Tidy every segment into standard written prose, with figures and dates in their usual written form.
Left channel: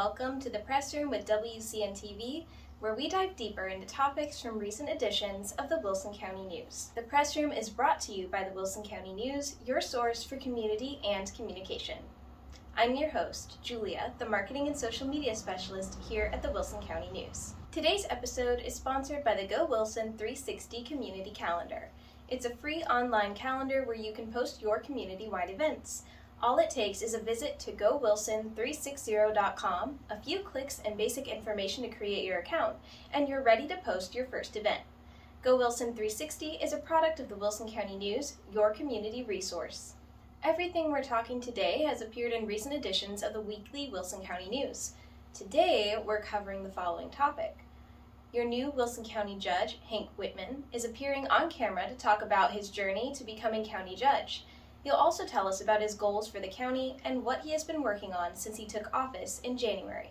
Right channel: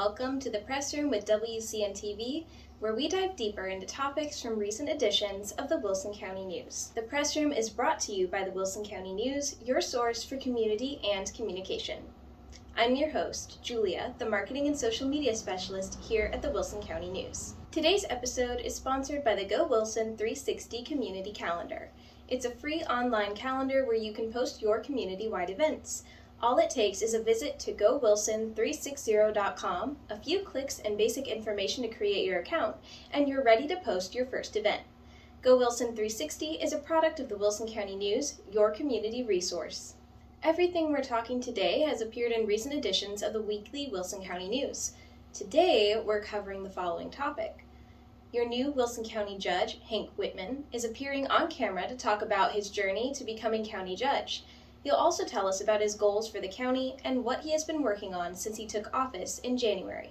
welcome to the Press Room with WCN TV, where we dive deeper into topics from recent editions of the Wilson County News. The Press Room is brought to you by the Wilson County News, your source for community and communication. I'm your host, Julia, the Marketing and Social Media Specialist here at the Wilson County News. Today's episode is sponsored by the Go Wilson 360 Community Calendar. It's a free online calendar where you can post your community-wide events. All it takes is a visit to gowilson360.com, a few clicks and basic information to create your account, and you're ready to post your first event. Go Wilson 360 is a product of the Wilson County News, your community resource. Everything we're talking today has appeared in recent editions of the weekly Wilson County News. Today, we're covering the following topic. Your new Wilson County Judge, Hank Whitman, is appearing on camera to talk about his journey to becoming county judge. He'll also tell us about his goals for the county and what he has been working on since he took office in January.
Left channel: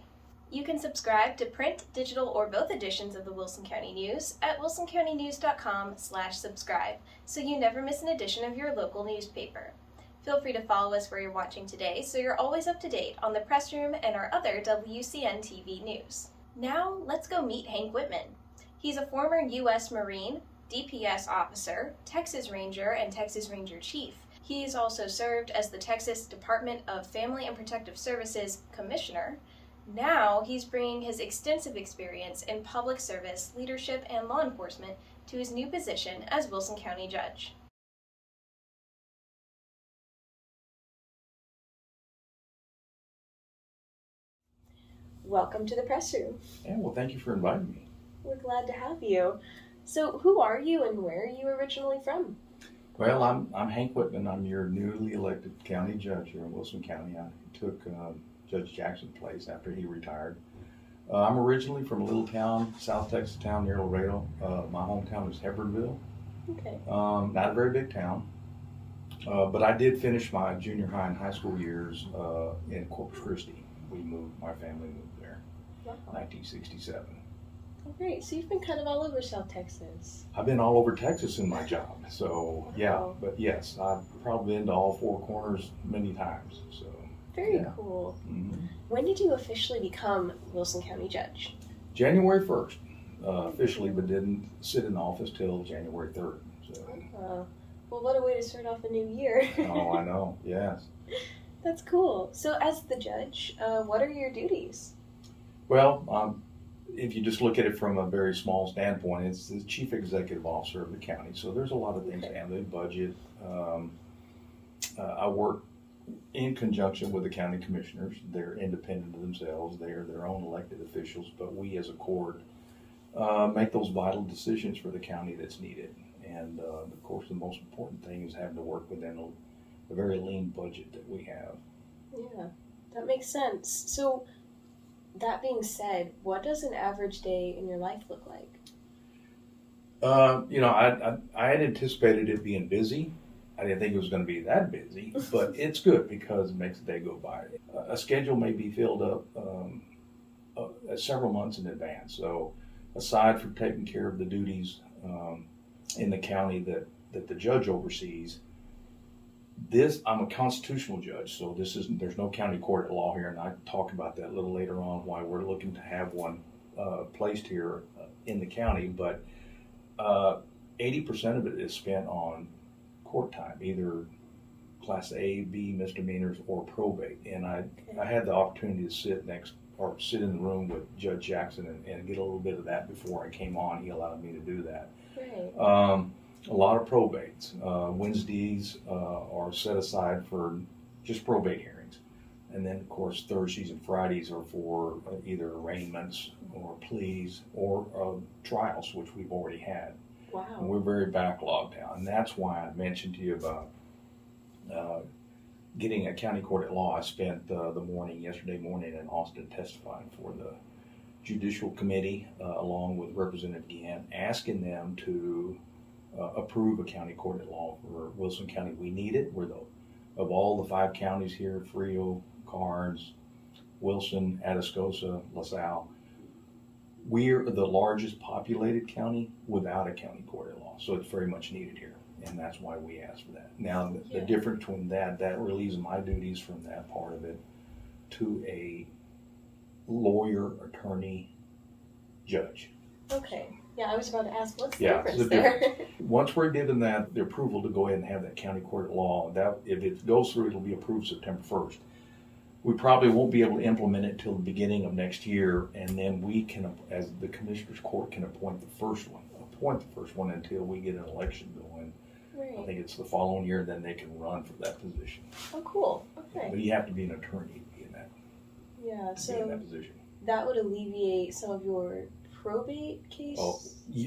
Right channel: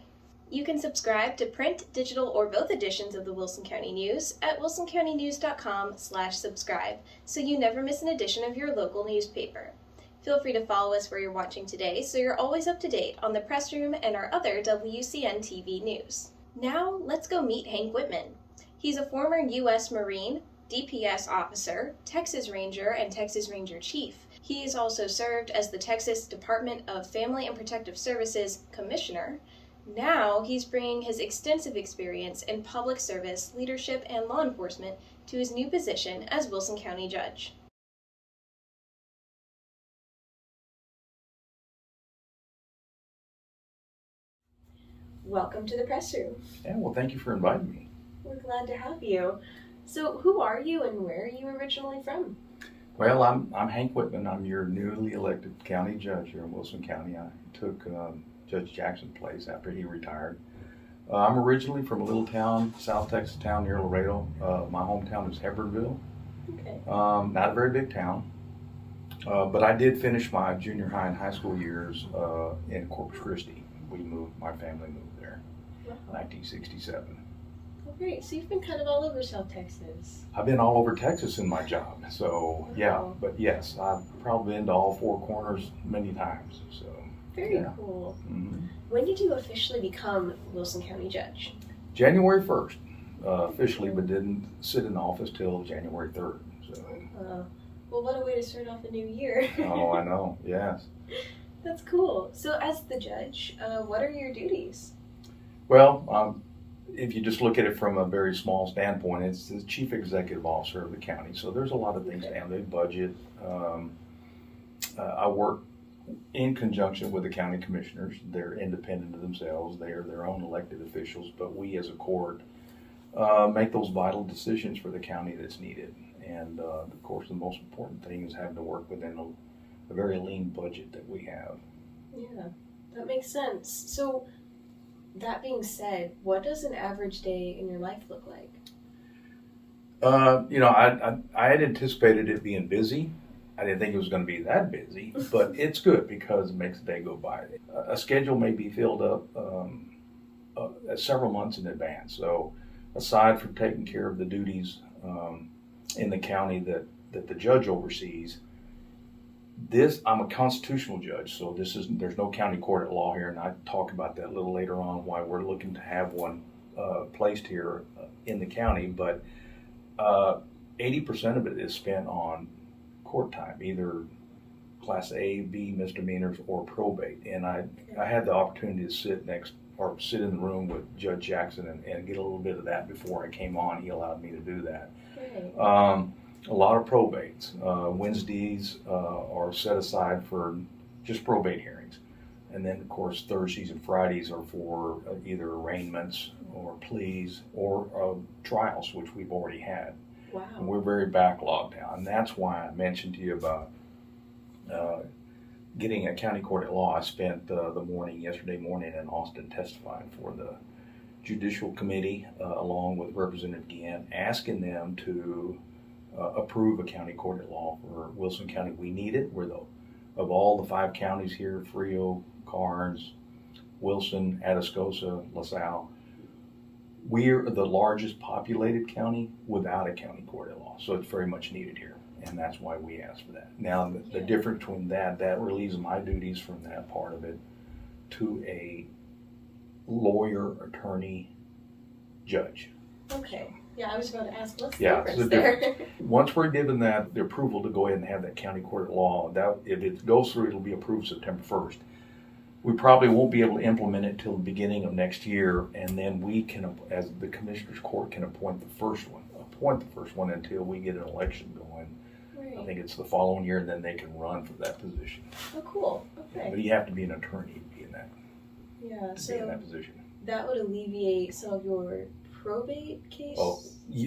You can subscribe to print, digital, or both editions of the Wilson County News at wilsoncountynews.com/subscribe, so you never miss an edition of your local newspaper. Feel free to follow us where you're watching today so you're always up to date on the Press Room and our other WCN TV news. Now, let's go meet Hank Whitman. He's a former U.S. Marine, DPS officer, Texas Ranger, and Texas Ranger Chief. He has also served as the Texas Department of Family and Protective Services Commissioner. Now he's bringing his extensive experience in public service, leadership, and law enforcement to his new position as Wilson County Judge. Welcome to the Press Room. Yeah, well, thank you for inviting me. We're glad to have you. So, who are you and where are you originally from? Well, I'm Hank Whitman. I'm your newly elected county judge here in Wilson County. I took Judge Jackson's place after he retired. I'm originally from a little town, South Texas town near Laredo. My hometown is Hebronville. Okay. Not a very big town, but I did finish my junior high and high school years in Corpus Christi. My family moved there in 1967. Oh, great. So you've been kind of all over South Texas. I've been all over Texas in my job, so Wow. yeah. But yes, I've probably been to all four corners many times. So Very yeah. cool. Mm-hmm. When did you officially become Wilson County Judge? January 1st, officially, but didn't sit in office till January 3rd. So. Well, what a way to start off a new year. Oh, I know. Yes. That's cool. So as the judge, what are your duties? Well, if you just look at it from a very small standpoint, it's the chief executive officer of the county. So there's a lot of things, family budget. I work in conjunction with the county commissioners. They're independent of themselves. They are their own elected officials, but we as a court make those vital decisions for the county that's needed. And of course, the most important thing is having to work within a very lean budget that we have. Yeah, that makes sense. So, that being said, what does an average day in your life look like? I had anticipated it being busy. I didn't think it was going to be that busy, but it's good because it makes the day go by. A schedule may be filled up several months in advance. So, aside from taking care of the duties in the county that the judge oversees, I'm a constitutional judge, so there's no county court at law here, and I talk about that a little later on, why we're looking to have one placed here in the county, but 80% of it is spent on court time, either Class A, B misdemeanors, or probate, and I had the opportunity to sit in the room with Judge Jackson and get a little bit of that before I came on. He allowed me to do that. Right. A lot of probates. Wednesdays are set aside for just probate hearings. And then, of course, Thursdays and Fridays are for either arraignments or pleas or trials, which we've already had. Wow. And we're very backlogged now. And that's why I mentioned to you about getting a county court at law. I spent yesterday morning in Austin testifying for the Judicial Committee along with Representative Guillen, asking them to approve a county court at law for Wilson County. We need it. Of all the 5 counties here, Frio, Karnes, Wilson, Atascosa, LaSalle, we're the largest populated county without a county court at law. So it's very much needed here, and that's why we asked for that. Now, the difference between that relieves my duties from that part of it to a lawyer, attorney, judge. Okay. Yeah, I was about to ask, what's the Yeah, difference it's the there? Once we're given that, the approval to go ahead and have that county court at law, that if it goes through, it'll be approved September 1st. We probably won't be able to implement it till the beginning of next year, and then we can, as the Commissioners Court, can appoint the first one until we get an election going. Right. I think it's the following year, and then they can run for that position. Oh, cool. Okay. But you have to be an attorney to be in that, Yeah, to be in that position. that would alleviate some of your probate case?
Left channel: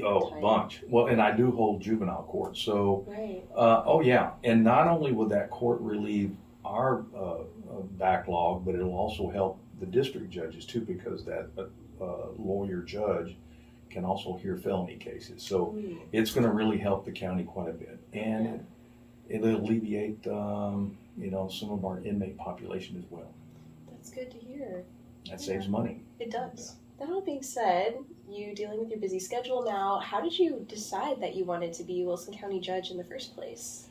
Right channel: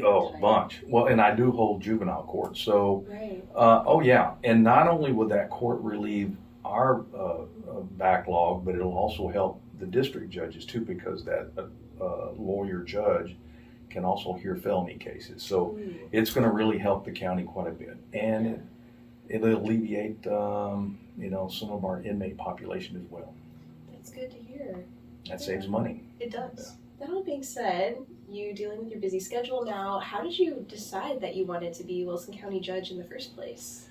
Oh, bunch. Well, and I do hold juvenile court, so, Right. yeah. And not only would that court relieve our backlog, but it'll also help the district judges too, because that lawyer judge can also hear felony cases. So it's going to really help the county quite a bit, and it'll alleviate some of our inmate population as well. That's good to hear. That saves money. It does. That all being said, you dealing with your busy schedule now, how did you decide that you wanted to be Wilson County judge in the first place?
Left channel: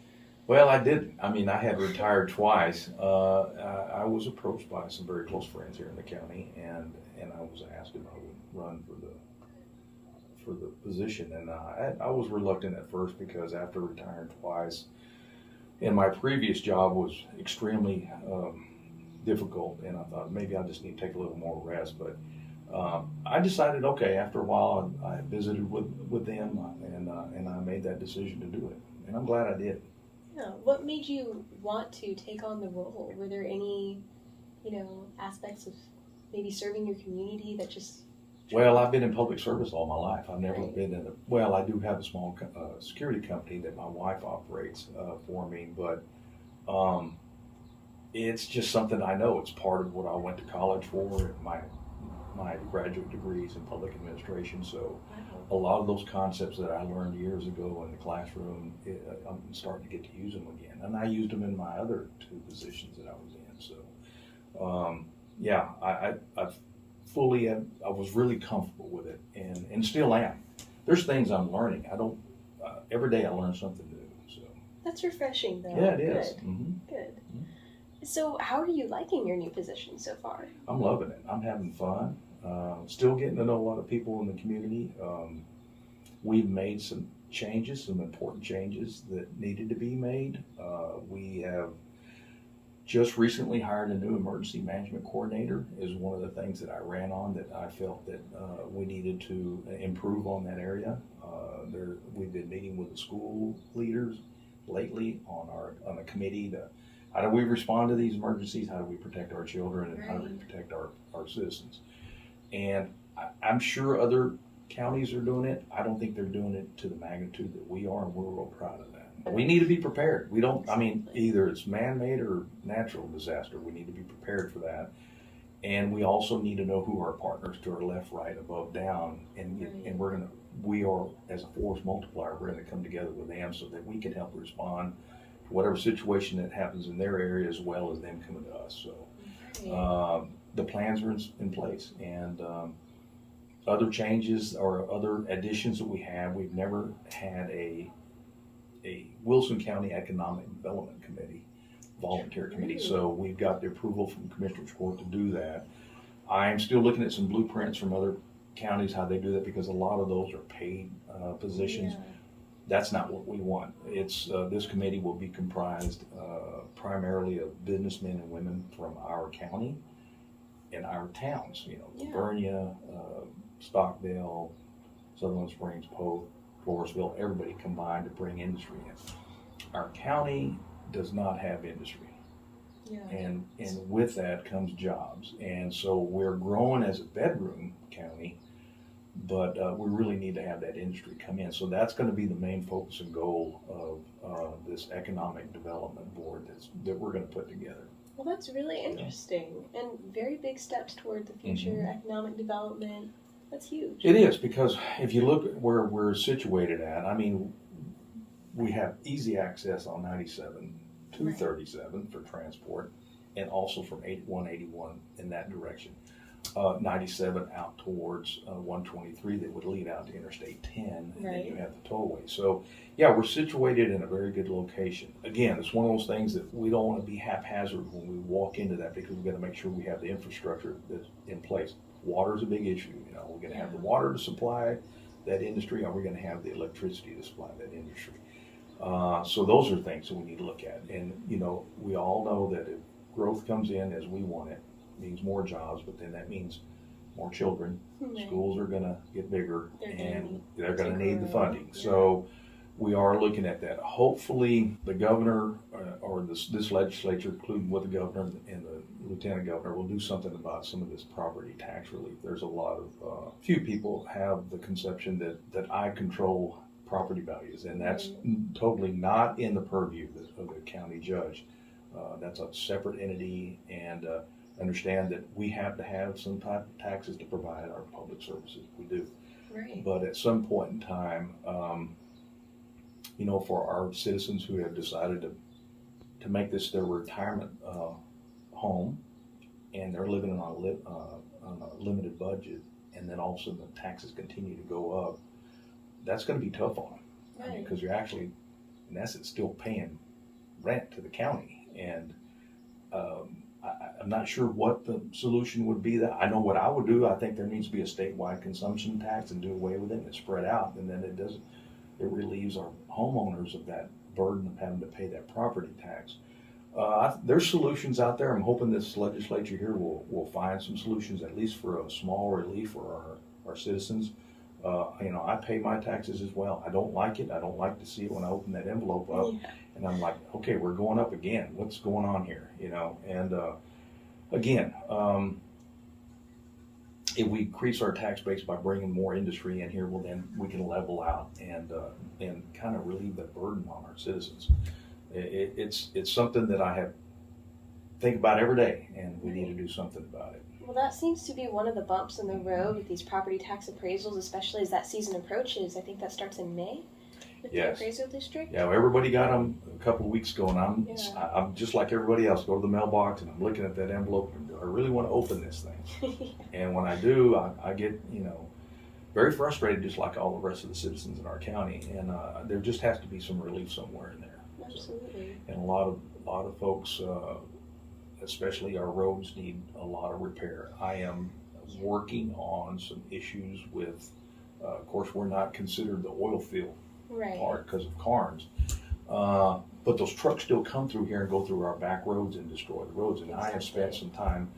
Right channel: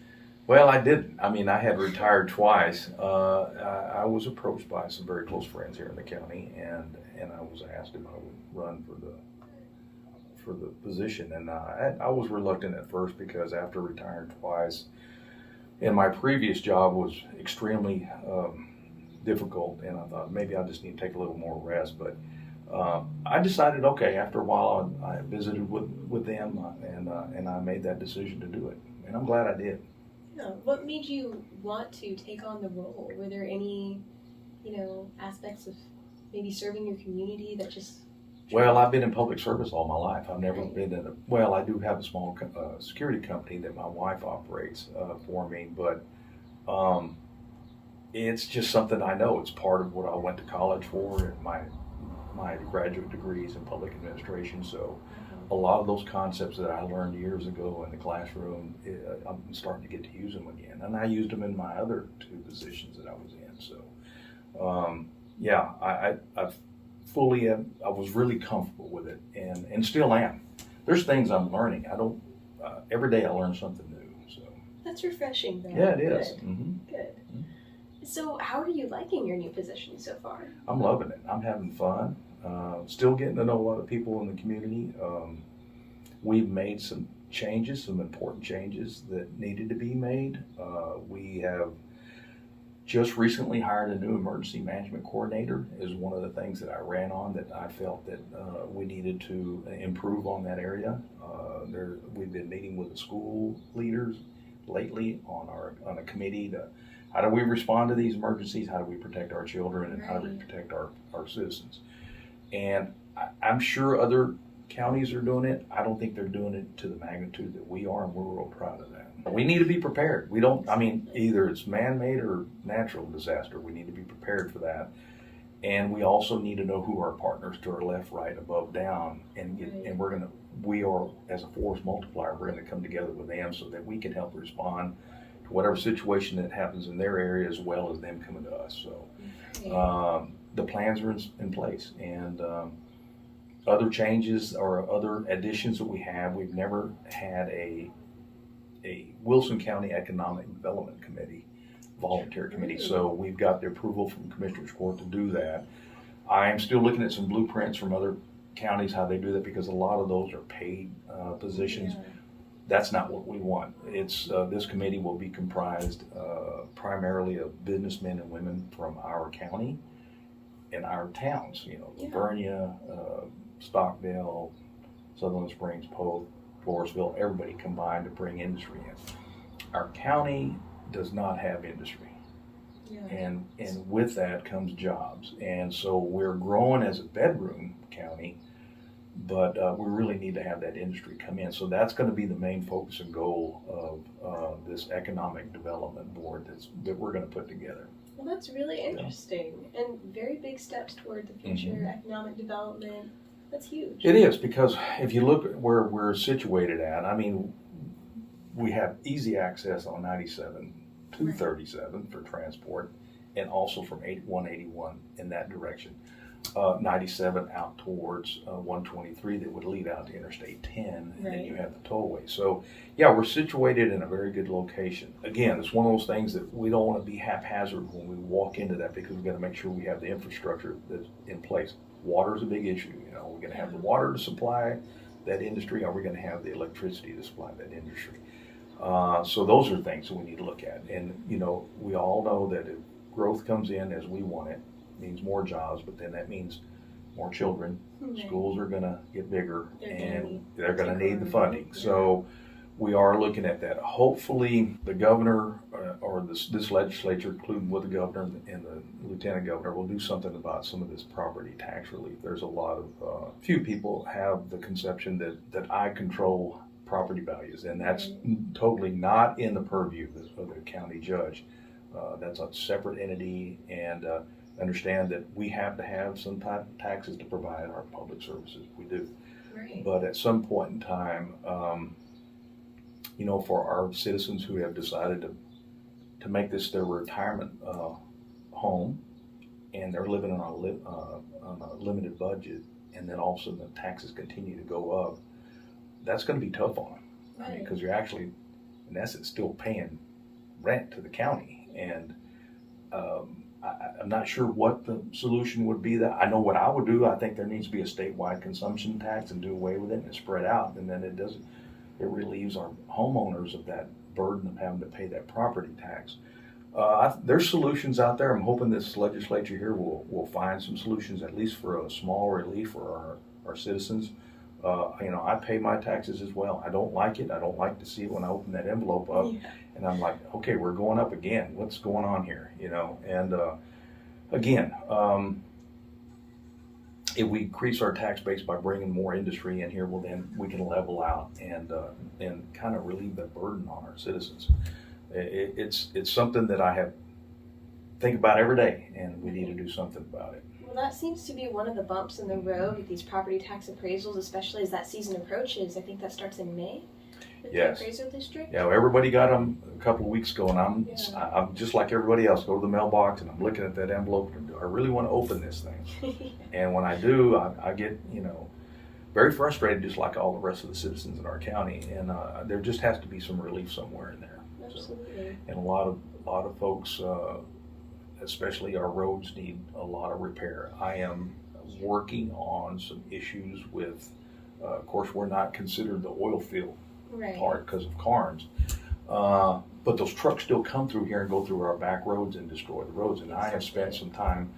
Well, I didn't. I mean, I had retired twice. I was approached by some very close friends here in the county, and I was asked if I would run for the position. And I was reluctant at first, because after retiring twice, and my previous job was extremely difficult, and I thought maybe I just need to take a little more rest. But I decided, okay, after a while, I visited with them, and I made that decision to do it, and I'm glad I did. Yeah. What made you want to take on the role? Were there any, aspects of maybe serving your community that just... Well, I've been in public service all my life. I've never been in I do have a small security company that my wife operates for me, but it's just something I know. It's part of what I went to college for, my graduate degrees in public administration. So a lot of those concepts that I learned years ago in the classroom, I'm starting to get to use them again. And I used them in my other two positions that I was in. So, I was really comfortable with it, and still am. There's things I'm learning. Every day I learn something new. So that's refreshing, though. Yeah, it is. Good. Mm-hmm. Good. So how are you liking your new position so far? I'm loving it. I'm having fun. Still getting to know a lot of people in the community. We've made some changes, some important changes that needed to be made. We have just recently hired a new emergency management coordinator. Is one of the things that I ran on, that I felt that we needed to improve on that area. We've been meeting with the school leaders lately on a committee to how do we respond to these emergencies, how do we protect our children, and how do we protect our citizens. And I'm sure other counties are doing it. I don't think they're doing it to the magnitude that we are, and we're real proud of that. We need to be prepared. Either it's man-made or natural disaster. We need to be prepared for that. And we also need to know who our partners to our left, right, above, down, and we are, as a force multiplier, we're gonna come together with them so that we can help respond to whatever situation that happens in their area, as well as them coming to us. So the plans are in place, and other changes or other additions that we have, we've never had a Wilson County Economic Development Committee, volunteer committee. So we've got the approval from Commissioners Court to do that. I am still looking at some blueprints from other counties, how they do that, because a lot of those are paid positions. Yeah. That's not what we want. It's this committee will be comprised primarily of businessmen and women from our county and our towns, Livonia, Stockdale, Sutherland Springs, Polk, Floresville, everybody combined to bring industry in. Our county does not have industry. Yeah. And with that comes jobs. And so we're growing as a bedroom county, but we really need to have that industry come in. So that's going to be the main focus and goal of this economic development board that we're going to put together. Well, that's really interesting, and very big steps toward the future economic development. That's huge. It is, because if you look at where we're situated at, we have easy access on 97 to 37 for transport, and also from 181 in that direction. 97 out towards 123 that would lead out to Interstate 10, and then Right. you have the tollway. So, yeah, we're situated in a very good location. Again, it's one of those things that we don't want to be haphazard when we walk into that, because we've got to make sure we have the infrastructure that's in place. Water is a big issue. We're going to have the water to supply that industry, or we're going to have the electricity to supply that industry. So those are things that we need to look at. And, we all know that if growth comes in as we want it, means more jobs, but then that means more children. Right. Schools are going to get bigger, they're going to to need the grow. funding. So we are looking at that. Hopefully the governor or this legislature, including with the governor and the lieutenant governor, will do something about some of this property tax relief. There's a lot of, few people have the conception that I control property values, and that's totally not in the purview of the county judge. That's a separate entity, and understand that we have to have some type of taxes to provide our public services. We do. Right. But at some point in time, for our citizens who have decided to make this their retirement home, and they're living on a limited budget, and then all of a sudden the taxes continue to go up, that's going to be tough on them. Right. Because you're actually, in essence, still paying rent to the county. And I'm not sure what the solution would be. That I know what I would do. I think there needs to be a statewide consumption tax and do away with it and spread out, and then it relieves our homeowners of that burden of having to pay that property tax. There's solutions out there. I'm hoping this legislature here will find some solutions, at least for a small relief for our citizens. I pay my taxes as well. I don't like it. I don't like to see it when I open that envelope up. Yeah. And I'm like, okay, we're going up again. What's going on here? And again, if we increase our tax base by bringing more industry in here, well, then we can level out and kind of relieve that burden on our citizens. It's something that I think about every day, and we need to do something about it. Well, that seems to be one of the bumps in the road with these property tax appraisals, especially as that season approaches. I think that starts in May with Yes. the appraisal district. Yeah, well, everybody got them a couple of weeks ago, and I'm just like everybody else. Go to the mailbox, and I'm looking at that envelope, and do I really want to open this thing? And when I do, I get very frustrated, just like all the rest of the citizens in our county. And there just has to be some relief somewhere in there. Absolutely. And a lot of folks, especially our roads, need a lot of repair. I am working on some issues with, of course, we're not considered the oil field Right. part because of Carnes. But those trucks still come through here and go through our back roads and destroy the roads. And I have spent some time,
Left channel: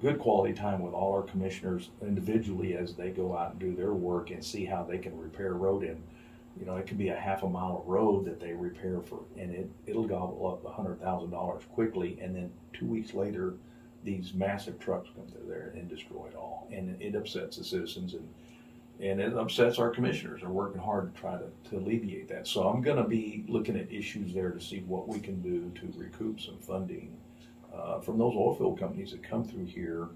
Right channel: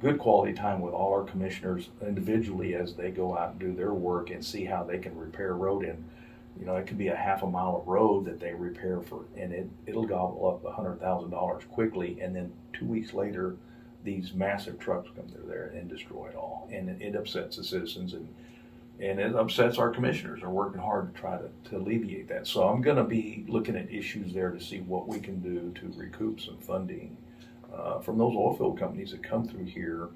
good quality time with all our commissioners individually as they go out and do their work and see how they can repair road. And it could be a half a mile of road that they repair and it'll gobble up $100,000 quickly. And then 2 weeks later, these massive trucks come through there and destroy it all. And it upsets the citizens, and it upsets our commissioners. Are working hard to try to alleviate that. So I'm going to be looking at issues there to see what we can do to recoup some funding from those oil field companies that come through here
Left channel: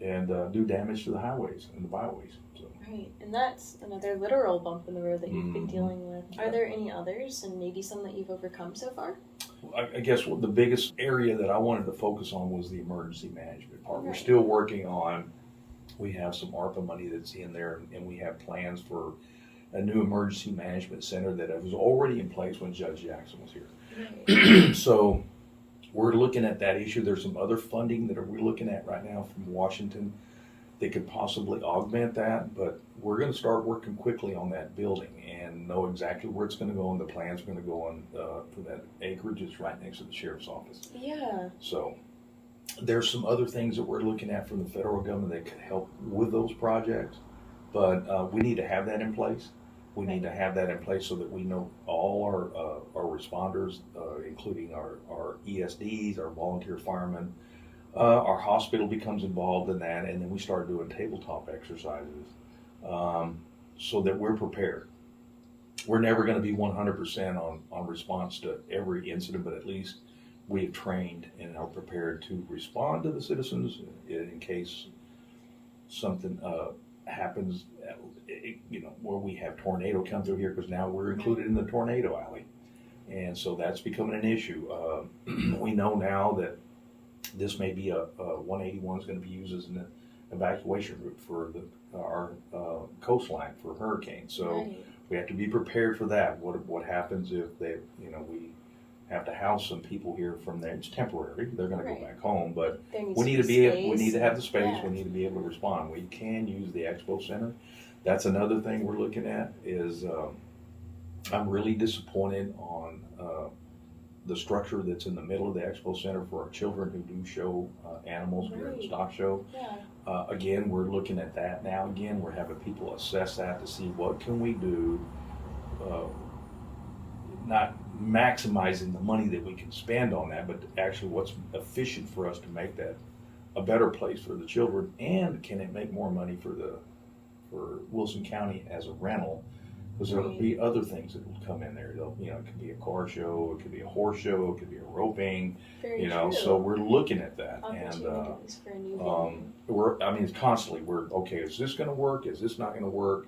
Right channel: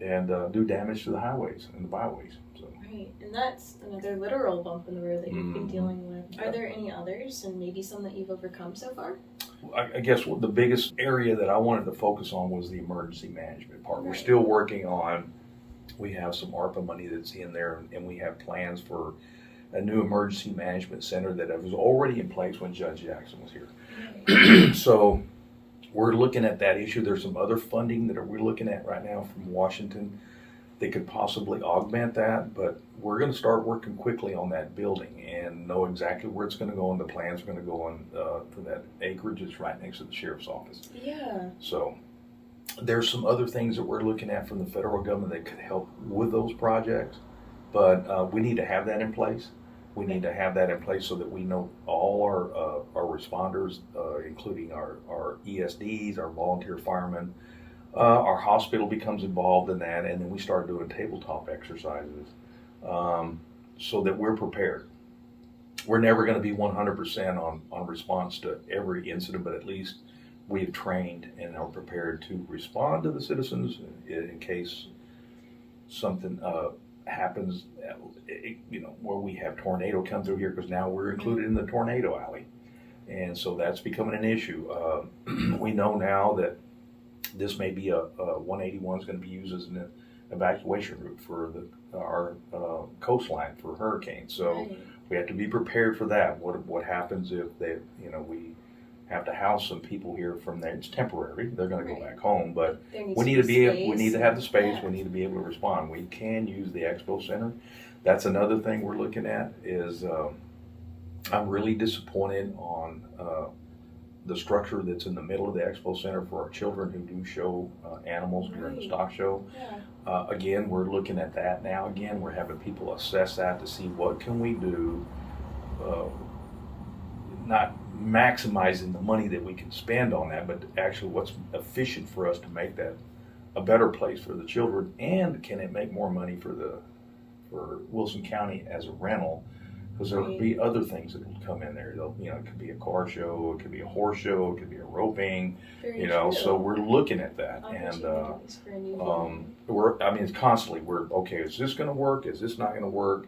and do damage to the highways and the byways. So. Right, and that's another literal bump in the road that you've been dealing with. Yeah. Are there any others, and maybe some that you've overcome so far? I guess the biggest area that I wanted to focus on was the emergency management part. We're Right. still working on. We have some ARPA money that's in there, and we have plans for a new emergency management center that was already in place when Judge Jackson was here. Right. So we're looking at that issue. There's some other funding that we're looking at right now from Washington that could possibly augment that, but we're going to start working quickly on that building and know exactly where it's going to go, and the plans are going to go on for that acreage. It's right next to the sheriff's office. Yeah. So there's some other things that we're looking at from the federal government that could help with those projects, but we need to have that in place. We need to have that in place so that we know all our responders, including our ESDs, our volunteer firemen, our hospital becomes involved in that, and then we start doing tabletop exercises so that we're prepared. We're never going to be 100% on response to every incident, but at least we have trained and are prepared to respond to the citizens in case something happens, where we have tornado come through here, because now we're included in the tornado alley. And so that's becoming an issue. We know now that This may be a 181 is going to be used as an evacuation route for our coastline for hurricanes. So Right. we have to be prepared for that. What happens if we have to house some people here from there? It's temporary. They're going to Right. go back home, but There needs we need to to be we need to have the space. Yeah. We need to be able to respond. We can use the expo center. That's another thing we're looking at. Is I'm really disappointed on the structure that's in the middle of the expo center for our children who do show animals during the Right. stock show. Yeah. Again, we're looking at that now. Again, we're having people assess that to see what can we do, not maximizing the money that we can spend on that, but actually what's efficient for us to make that a better place for the children, and can it make more money for Wilson County as a rental? Because there will be other things that will come in there. It could be a car show, it could be a horse show, it could be a roping. Very So true. we're looking at that, and Opportunities for a new venue. it's constantly okay. Is this going to work? Is this not going to work?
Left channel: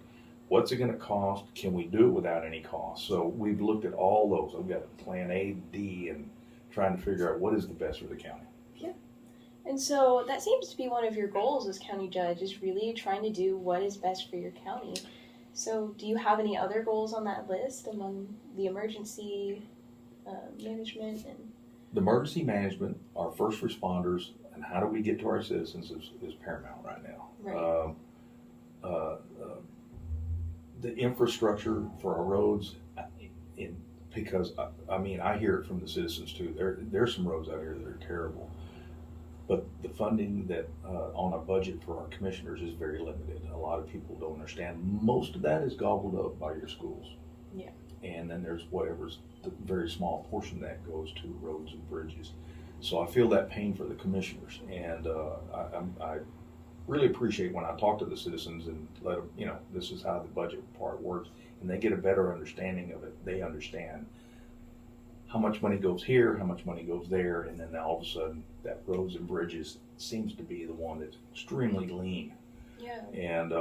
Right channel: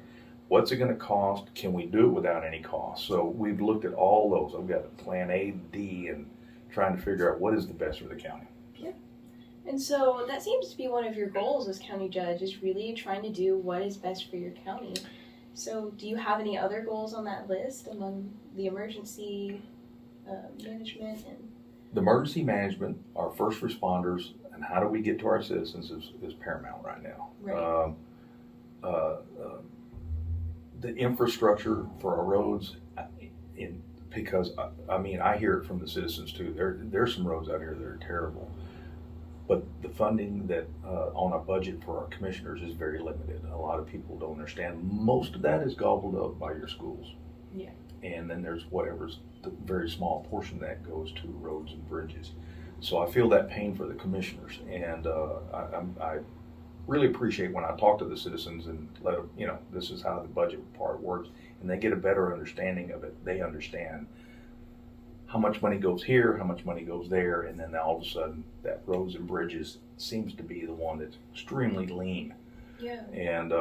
What's it going to cost? Can we do it without any cost? So we've looked at all those. I've got plan A, D, and trying to figure out what is the best for the county. And so that seems to be one of your goals as county judge, is really trying to do what is best for your county. So do you have any other goals on that list among the emergency management? The emergency management, our first responders, and how do we get to our citizens is paramount right now. Right. The infrastructure for our roads, because I hear it from the citizens too. There's some roads out here that are terrible, but the funding that on a budget for our commissioners is very limited. A lot of people don't understand. Most of that is gobbled up by your schools. Yeah. And then there's whatever's the very small portion that goes to roads and bridges. So I feel that pain for the commissioners, and I really appreciate when I talk to the citizens and let them, this is how the budget part works, and they get a better understanding of it. They understand how much money goes here, how much money goes there, and then all of a sudden that roads and bridges seems to be the one that's extremely lean. Yeah. And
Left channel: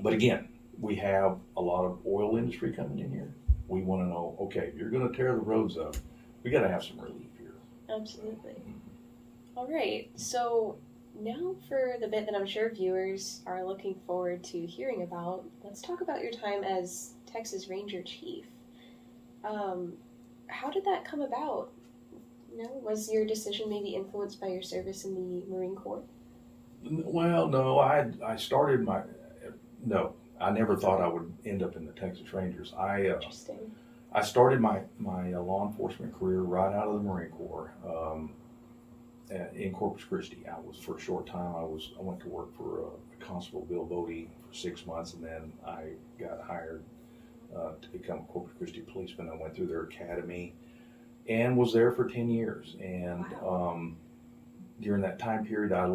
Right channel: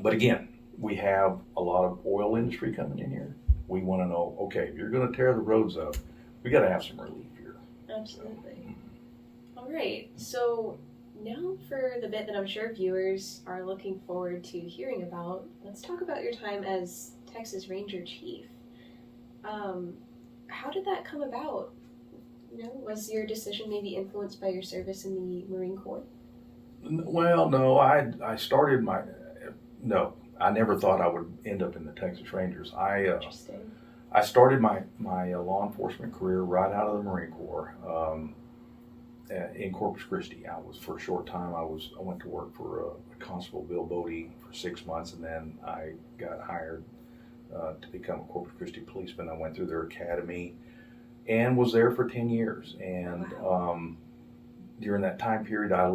but again, we have a lot of oil industry coming in here. We want to know, okay, if you're going to tear the roads up, we got to have some relief here. Absolutely. All right. So now for the bit that I'm sure viewers are looking forward to hearing about, let's talk about your time as Texas Ranger Chief. How did that come about? Was your decision maybe influenced by your service in the Marine Corps? Well, no, I started no, I never thought I would end up in the Texas Rangers. Interesting. I started my law enforcement career right out of the Marine Corps in Corpus Christi. For a short time, I went to work for Constable Bill Bodie for 6 months, and then I got hired to become a Corpus Christi policeman. I went through their academy and was there for 10 years. And Wow. During that time period, I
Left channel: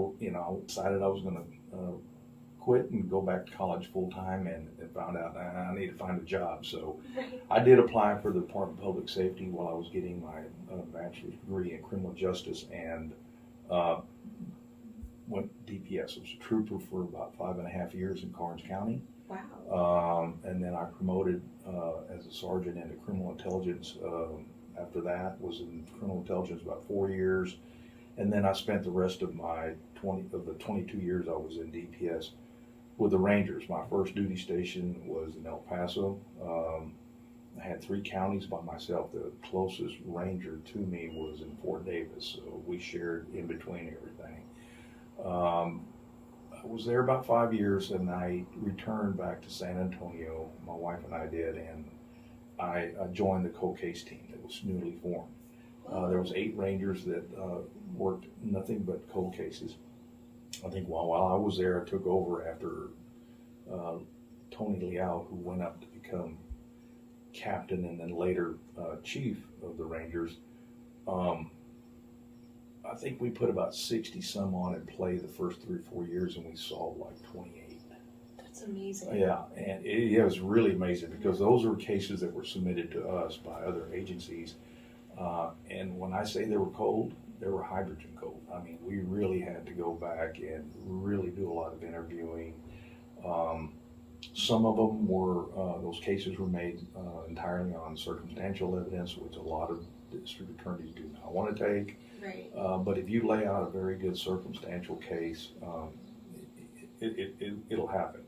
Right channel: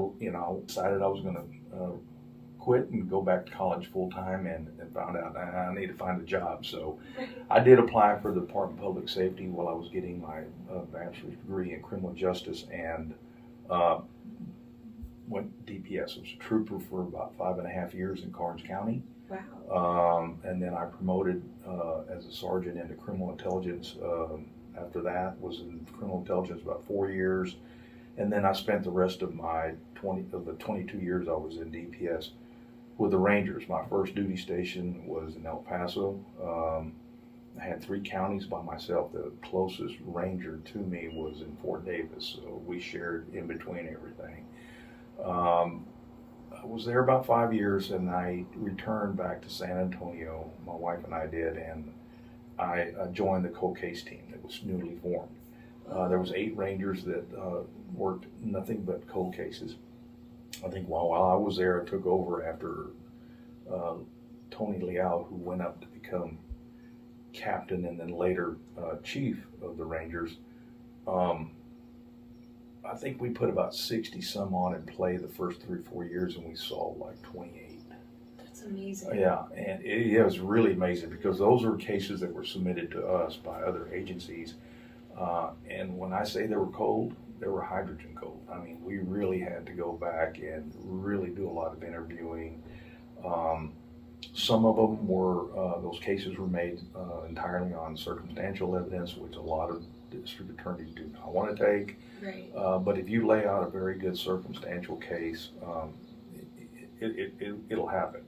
decided I was going to quit and go back to college full time, and found out I need to find a job. So I did apply for the Department of Public Safety while I was getting my bachelor's degree in criminal justice, and went DPS. I was a trooper for about 5.5 years in Karnes County. Wow. And then I promoted as a sergeant into criminal intelligence. After that, was in criminal intelligence about 4 years, and then I spent the rest of the 22 years I was in DPS with the Rangers. My first duty station was in El Paso. I had 3 counties by myself. The closest ranger to me was in Fort Davis, so we shared in between everything. I was there about 5 years, and I returned back to San Antonio. My wife and I did, and I joined the cold case team that was newly formed. There was 8 Rangers that worked nothing but cold cases. I think while I was there, I took over after Tony Leal, who went up to become captain and then later chief of the Rangers. I think we put about 60 some on in play the first 3 or 4 years, and we saw like 28. That's amazing. Yeah, and it was really amazing because those were cases that were submitted to us by other agencies. And when I say they were cold, they were hydrogen cold. I mean, we really had to go back and really do a lot of interviewing. Some of them were, those cases were made entirely on circumstantial evidence, which a lot of district attorneys do not want to take. Right. But if you lay out a very good circumstantial case, it'll happen.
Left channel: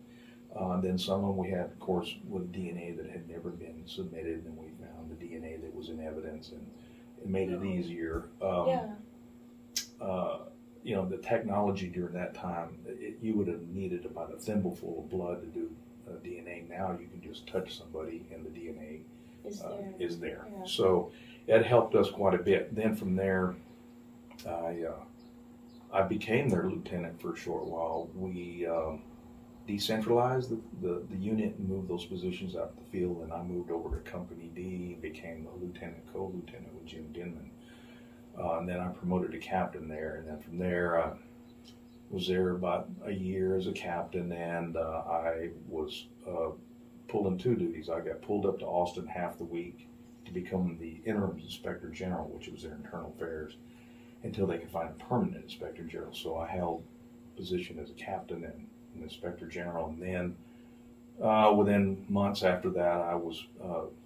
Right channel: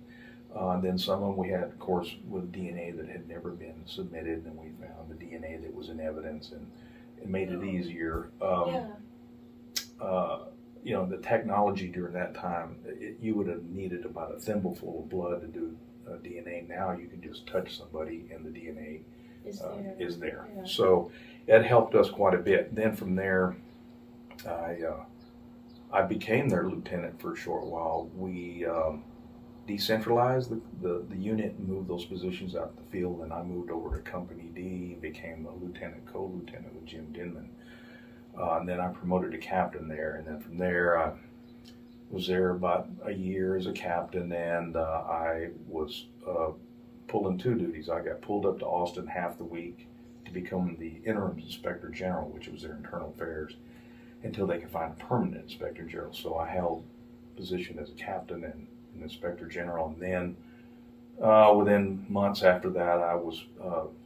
Then someone we had, of course, with DNA that had never been submitted, and we found the DNA that was in evidence, and it made it easier. The technology during that time, you would have needed about a thimbleful of blood to do DNA. Now you can just touch somebody and the DNA is there. Yeah. So it helped us quite a bit. Then from there, I became their lieutenant for a short while. We decentralized the unit and moved those positions out to the field, and I moved over to Company D and became a lieutenant, co-lieutenant with Jim Denman. And then I promoted to captain there, and then from there I was there about a year as a captain, and I was pulling two duties. I got pulled up to Austin half the week to become the interim inspector general, which was their internal affairs, until they could find a permanent inspector general. So I held position as a captain and an inspector general, and then within months after that, I was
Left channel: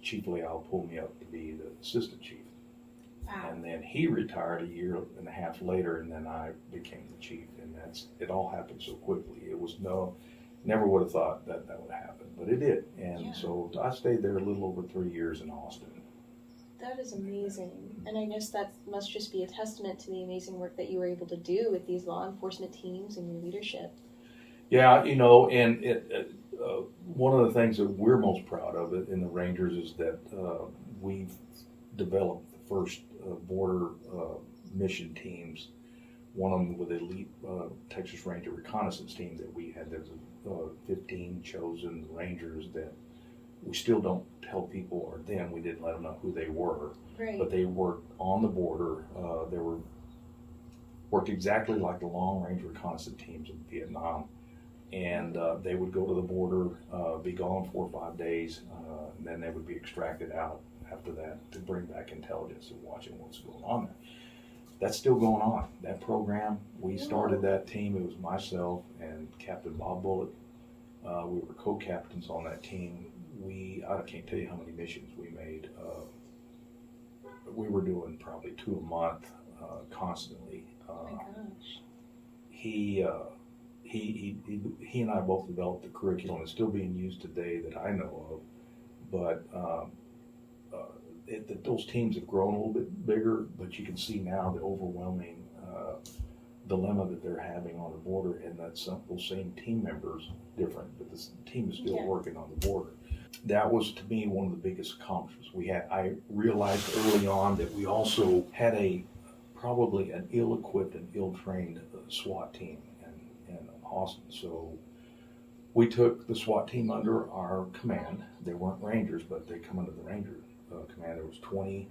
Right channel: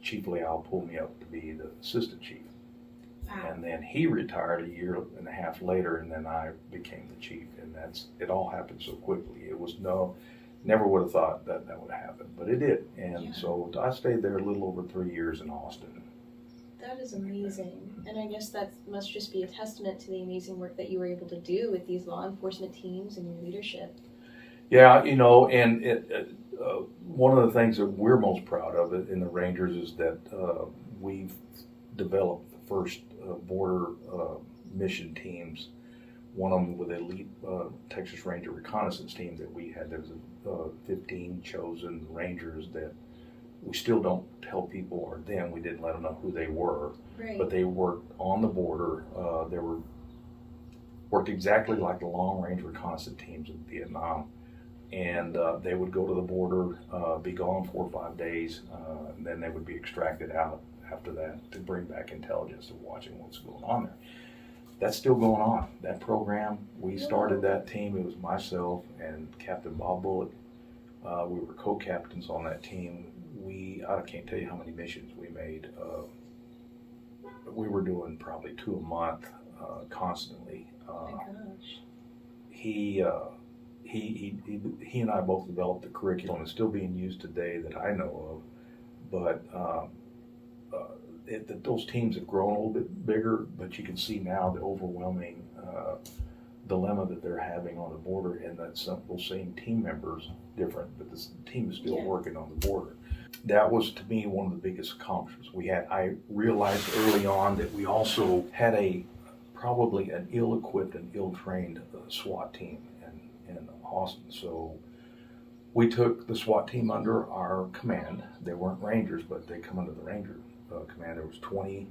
Chief Leal pulled me up to be the assistant chief. Wow. And then he retired a year and a half later, and then I became the chief, and it all happened so quickly. It was never would have thought that would happen, but it did. And so I stayed there a little over 3 years in Austin. That is amazing. And I guess that must just be a testament to the amazing work that you were able to do with these law enforcement teams and your leadership. Yeah, and one of the things that we're most proud of in the Rangers is that we've developed the first border mission teams. One of them with elite Texas Ranger reconnaissance team that we had. There was 15 chosen Rangers that we still don't tell people, or then we didn't let them know who they were. Right. But they worked on the border. They worked exactly like the long range reconnaissance teams in Vietnam. And they would go to the border, be gone 4 or 5 days, and then they would be extracted out after that to bring back intelligence of watching what's going on there. That's still going on. That program, we started that team. It was myself and Captain Bob Bullitt. We were co-captains on that team. I can't tell you how many missions we made. We were doing probably 2 a month, constantly. Oh my gosh. He and I both developed the curriculum. It's still being used today that I know of, but those teams have grown a little bit bigger, but you can see now the overwhelming dilemma that they're having on the border, and that those same team members, different, but this team is still working on the border. That was, to me, one of the biggest accomplishments we had. I realized early on that we also had probably an ill-equipped and ill-trained SWAT team in Austin. So we took the SWAT team under our command. They weren't Rangers, but they come under the Ranger command. There was 20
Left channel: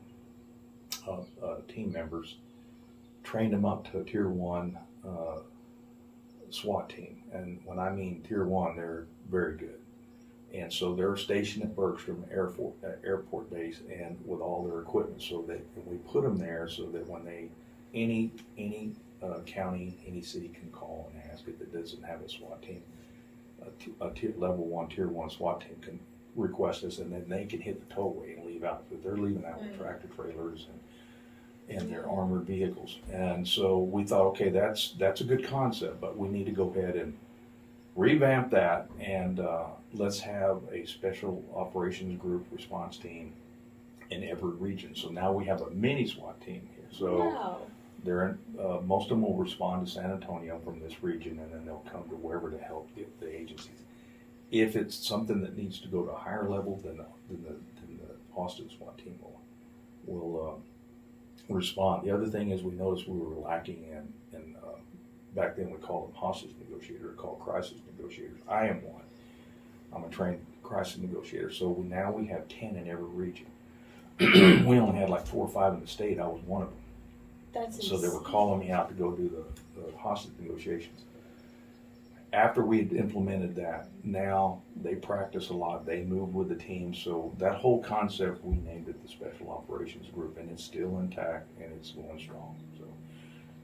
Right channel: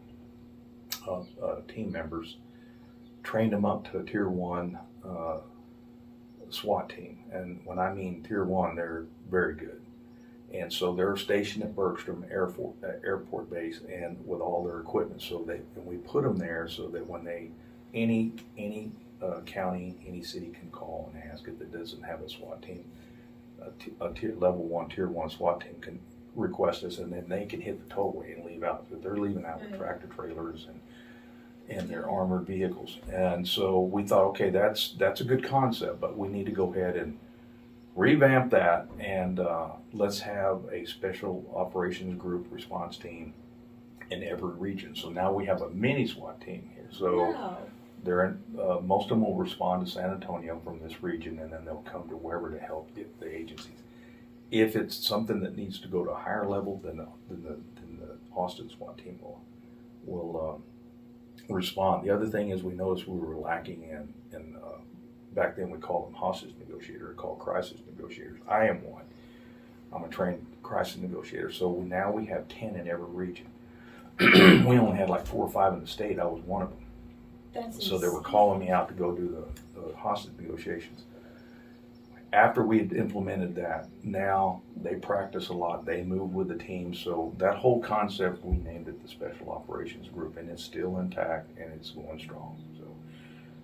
team members, trained them up to a Tier 1 SWAT team. And when I mean Tier 1, they're very good. And so they're stationed at Bergstrom Airport Base, and with all their equipment. And we put them there so that when any county, any city can call and ask if it doesn't have a SWAT team, level 1, Tier 1 SWAT team can request us, and then they can hit the tollway and leave out. But they're leaving out with tractor trailers and their armored vehicles. And so we thought, okay, that's a good concept, but we need to go ahead and revamp that, and let's have a special operations group response team in every region. So now we have a mini SWAT team here. So they're most of them will respond to San Antonio from this region, and then they'll come to wherever to help the agencies. If it's something that needs to go to a higher level, then the Austin SWAT team will respond. The other thing is, we noticed we were lacking in back then we called them hostage negotiators, called crisis negotiators. I am one. I'm a trained crisis negotiator. So now we have 10 in every region. We only had like 4 or 5 in the state. I was one of them. So they were calling me out to go do the hostage negotiations. After we had implemented that, now they practice a lot. They move with the team. So that whole concept, we named it the Special Operations Group, and it's still intact and it's going strong. So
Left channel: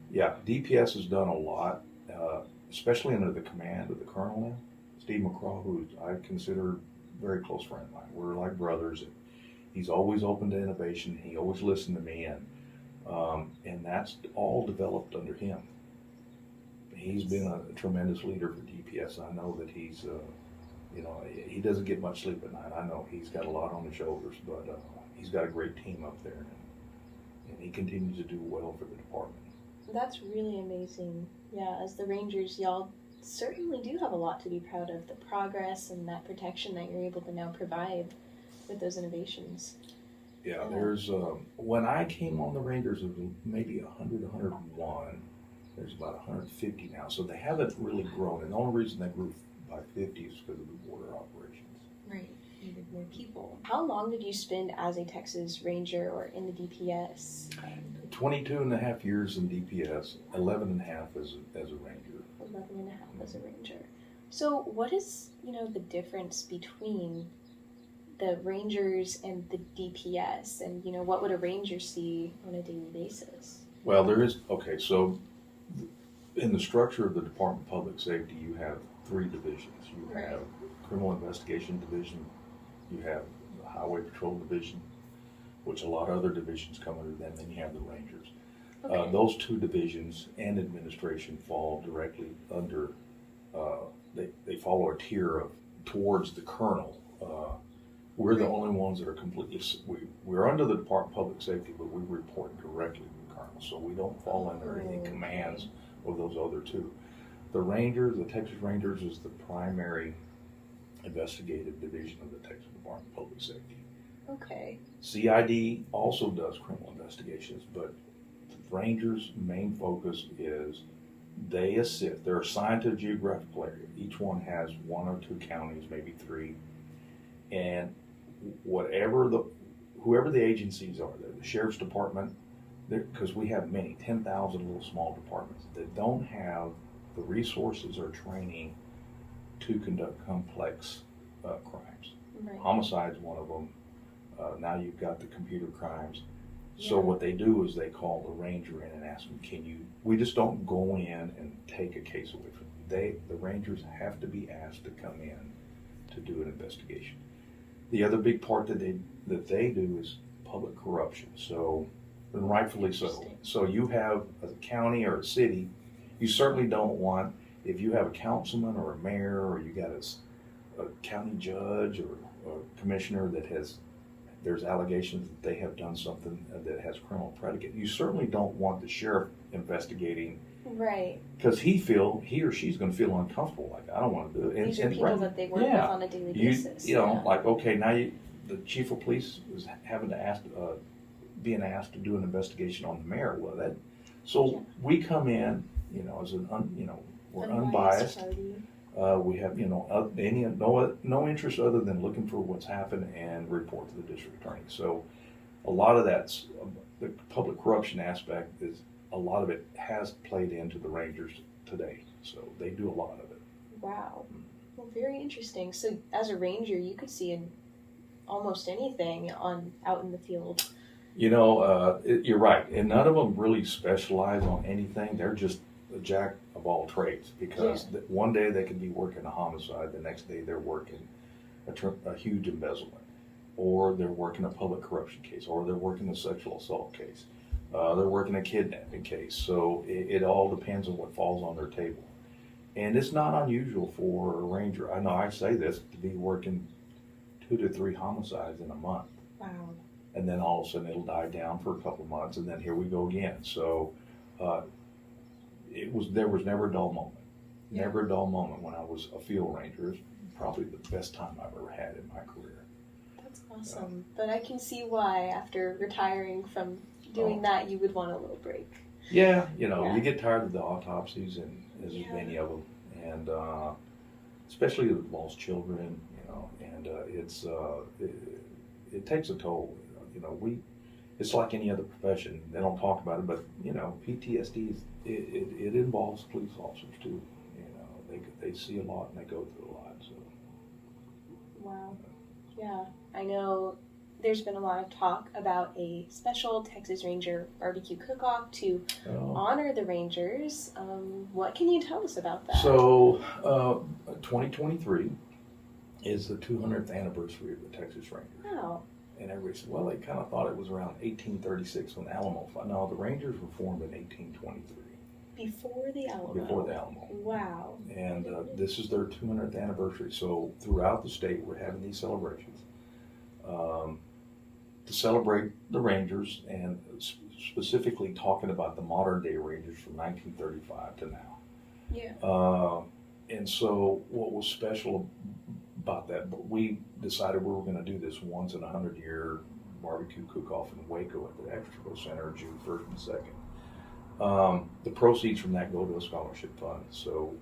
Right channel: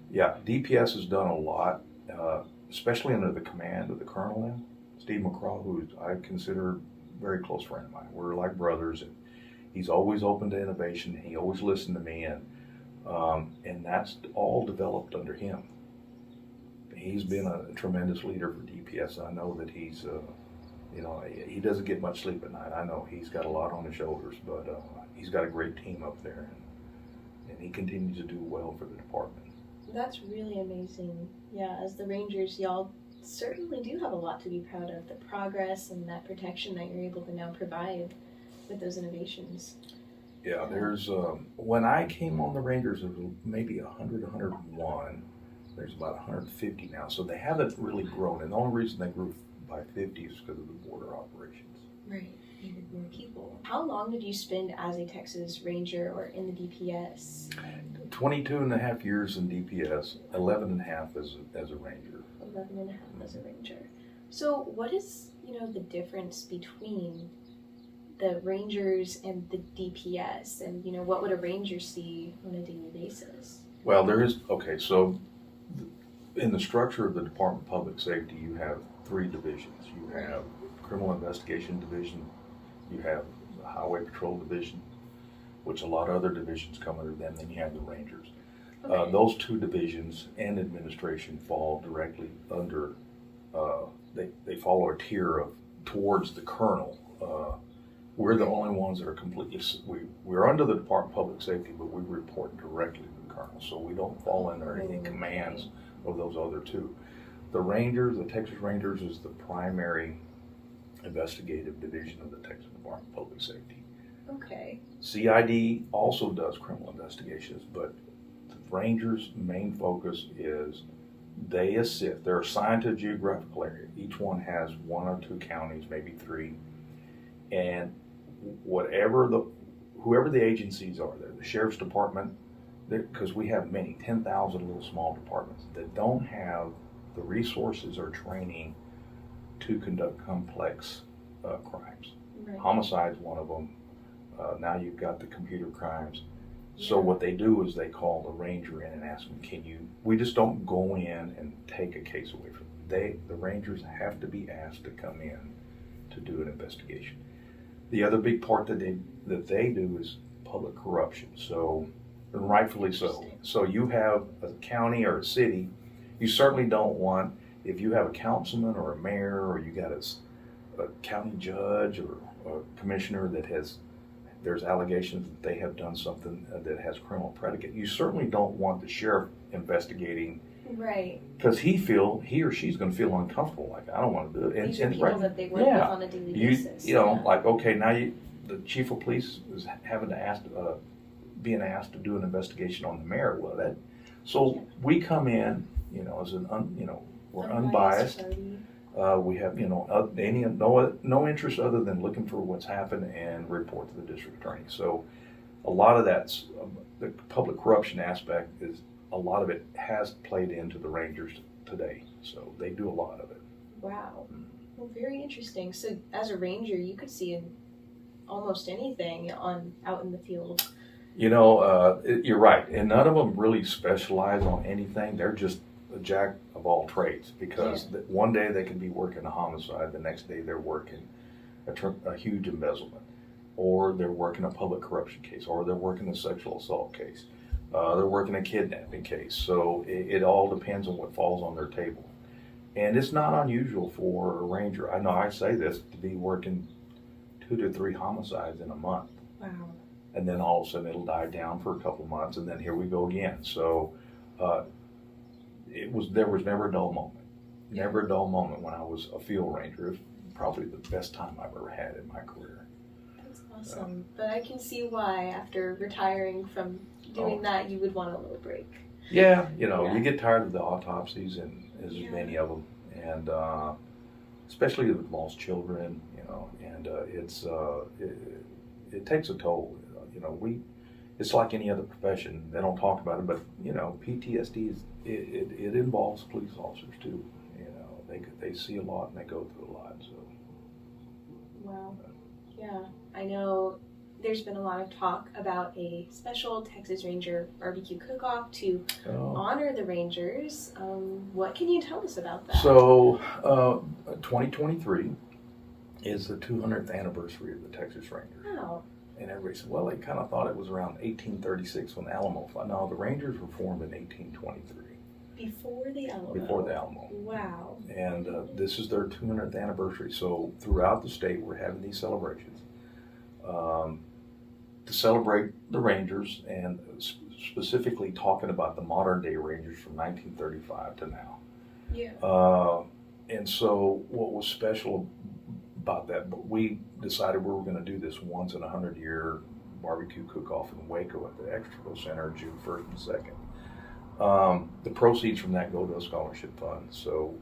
yeah, DPS has done a lot, especially under the command of the colonel now, Steve McCraw, who I consider a very close friend of mine. We're like brothers, He's always open to innovation. He always listened to me, and that's all developed under him. He's been a tremendous leader for DPS. I know that he's, he doesn't get much sleep at night. I know he's got a lot on his shoulders, but he's got a great team up there, and he continues to do well for the department. That's really amazing. Yeah, as the Rangers, y'all certainly do have a lot to be proud of. The progress and that protection that you're able to now provide with those innovations. Yeah, there's, when I came on the Rangers, it was maybe 100, 101. There's about 150 now, so they haven't really grown. And the only reason they grew by 50 is because of the border operations. Right, needed more people. How long did you spend as a Texas Ranger or in the DPS? 22 and a half years in DPS, 11 and a half as a Ranger. 11 and a half as a Ranger. So what is, the difference between the Rangers and the DPS? And, what would a Ranger see on a daily basis? Well, there is, okay, so in the structure of the Department of Public Safety, you have 3 divisions. You have Criminal Investigation Division, you have the Highway Patrol Division, which a lot of other divisions come under them, then you have the Rangers. Okay. Those 2 divisions and administration fall directly under, they follow a tier of towards the colonel. We're the only ones that are completely, we're under the Department of Public Safety, but we report directly to the colonel, so we don't fall under any commands of those other 2. The Rangers, the Texas Rangers, is the primary investigative division of the Texas Department of Public Safety. Okay. CID also does criminal investigations, but the Rangers' main focus is they assist. They're assigned to a geographical area. Each one has 1 or 2 counties, maybe 3, and whoever the agencies are, the Sheriff's Department, because we have many, 10,000 little small departments that don't have the resources or training to conduct complex crimes. Right. Homicide's one of them. Now you've got the computer crimes. So what they do is they call the Ranger in and ask them, we just don't go in and take a case away from them. The Rangers have to be asked to come in to do an investigation. The other big part that they do is public corruption. So, and rightfully so. So you have a county or a city, you certainly don't want, if you have a councilman or a mayor or you got a county judge or a commissioner that there's allegations that they have done something that has criminal predicate, you certainly don't want the sheriff investigating. Right. Because he or she's going to feel uncomfortable, like, I don't want to do it. These are people that they work with on a daily basis. Like, okay, now the chief of police is being asked to do an investigation on the mayor. Well, so we come in, as we're unbiased. We have, no interest other than looking for what's happened and report to the district attorney. So a lot of that's the public corruption aspect a lot of it has played into the Rangers today. So they do a lot of it. Wow. Well, very interesting. So as a Ranger, you could see almost anything out in the field. You're right. And none of them really specialize on anything. They're just a jack of all trades, because one day they can be working a homicide, the next day they're working a huge embezzlement, or they're working a public corruption case, or they're working a sexual assault case, they're working a kidnapping case. So it all depends on what falls on their table. And it's not unusual for a Ranger, I know I say this, to be working 2 to 3 homicides in a month. Wow. And then all of a sudden it'll die down for a couple of months, and then here we go again. So there was never a dull moment. Yeah. Never a dull moment when I was a field ranger. It was probably the best time I've ever had in my career. That's awesome. But I can see why after retiring from doing that, you would want a little break. Yeah, you get tired of the autopsies, and there's many of them, and especially with lost children, and it takes a toll. It's like any other profession. They don't talk about it, but PTSD it involves police officers too. They see a lot and they go through a lot. So. Wow. Yeah, I know. There's been a lot of talk about a special Texas Ranger barbecue cook-off to honor the Rangers. What can you tell us about that? So, 2023 is the 200th anniversary of the Texas Ranger. Wow. And everybody said, well, they kind of thought it was around 1836 when Alamo. No, the Rangers were formed in 1823. Before the Alamo. Before the Alamo. Wow. And this is their 200th anniversary. So throughout the state, we're having these celebrations to celebrate the Rangers, and specifically talking about the modern day Rangers from 1935 to now. Yeah. And so what was special about that, but we decided we were going to do this once in a 100-year barbecue cook-off in Waco at the Extraco Center, June 1st and 2nd. The proceeds from that go to a scholarship fund. So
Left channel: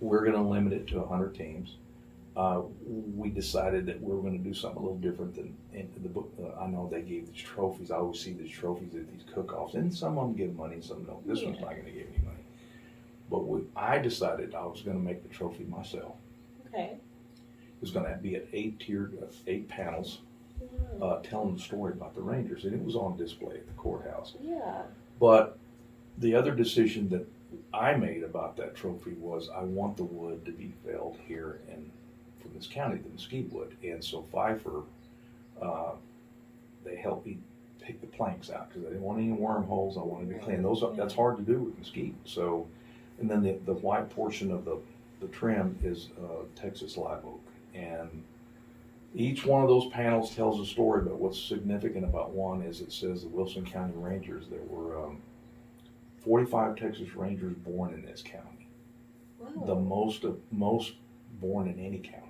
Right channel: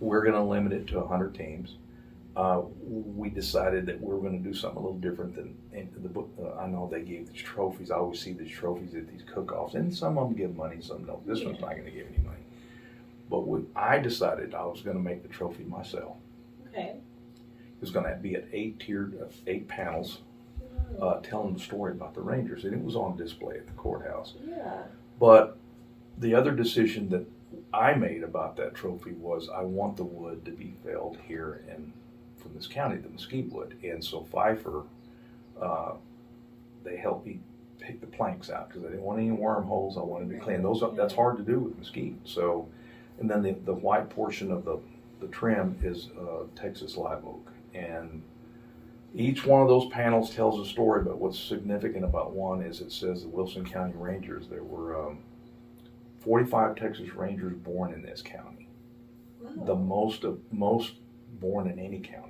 we're going to limit it to 100 teams. We decided that we were going to do something a little different than in the book. I know they gave these trophies. I always see these trophies at these cook-offs, and some of them give money, some don't. This one's not going to give any money. But I decided I was going to make the trophy myself. Okay. It was going to be at 8 panels, telling the story about the Rangers, and it was on display at the courthouse. Yeah. But the other decision that I made about that trophy was I want the wood to be felled here from this county, the mesquite wood. And so Pfeiffer, they helped me pick the planks out because I didn't want any wormholes. I wanted to clean those up. That's hard to do with mesquite. So, and then the white portion of the trim is Texas live oak. And each one of those panels tells a story, but what's significant about one is it says the Wilson County Rangers, there were 45 Texas Rangers born in this county. Wow. The most born in any county.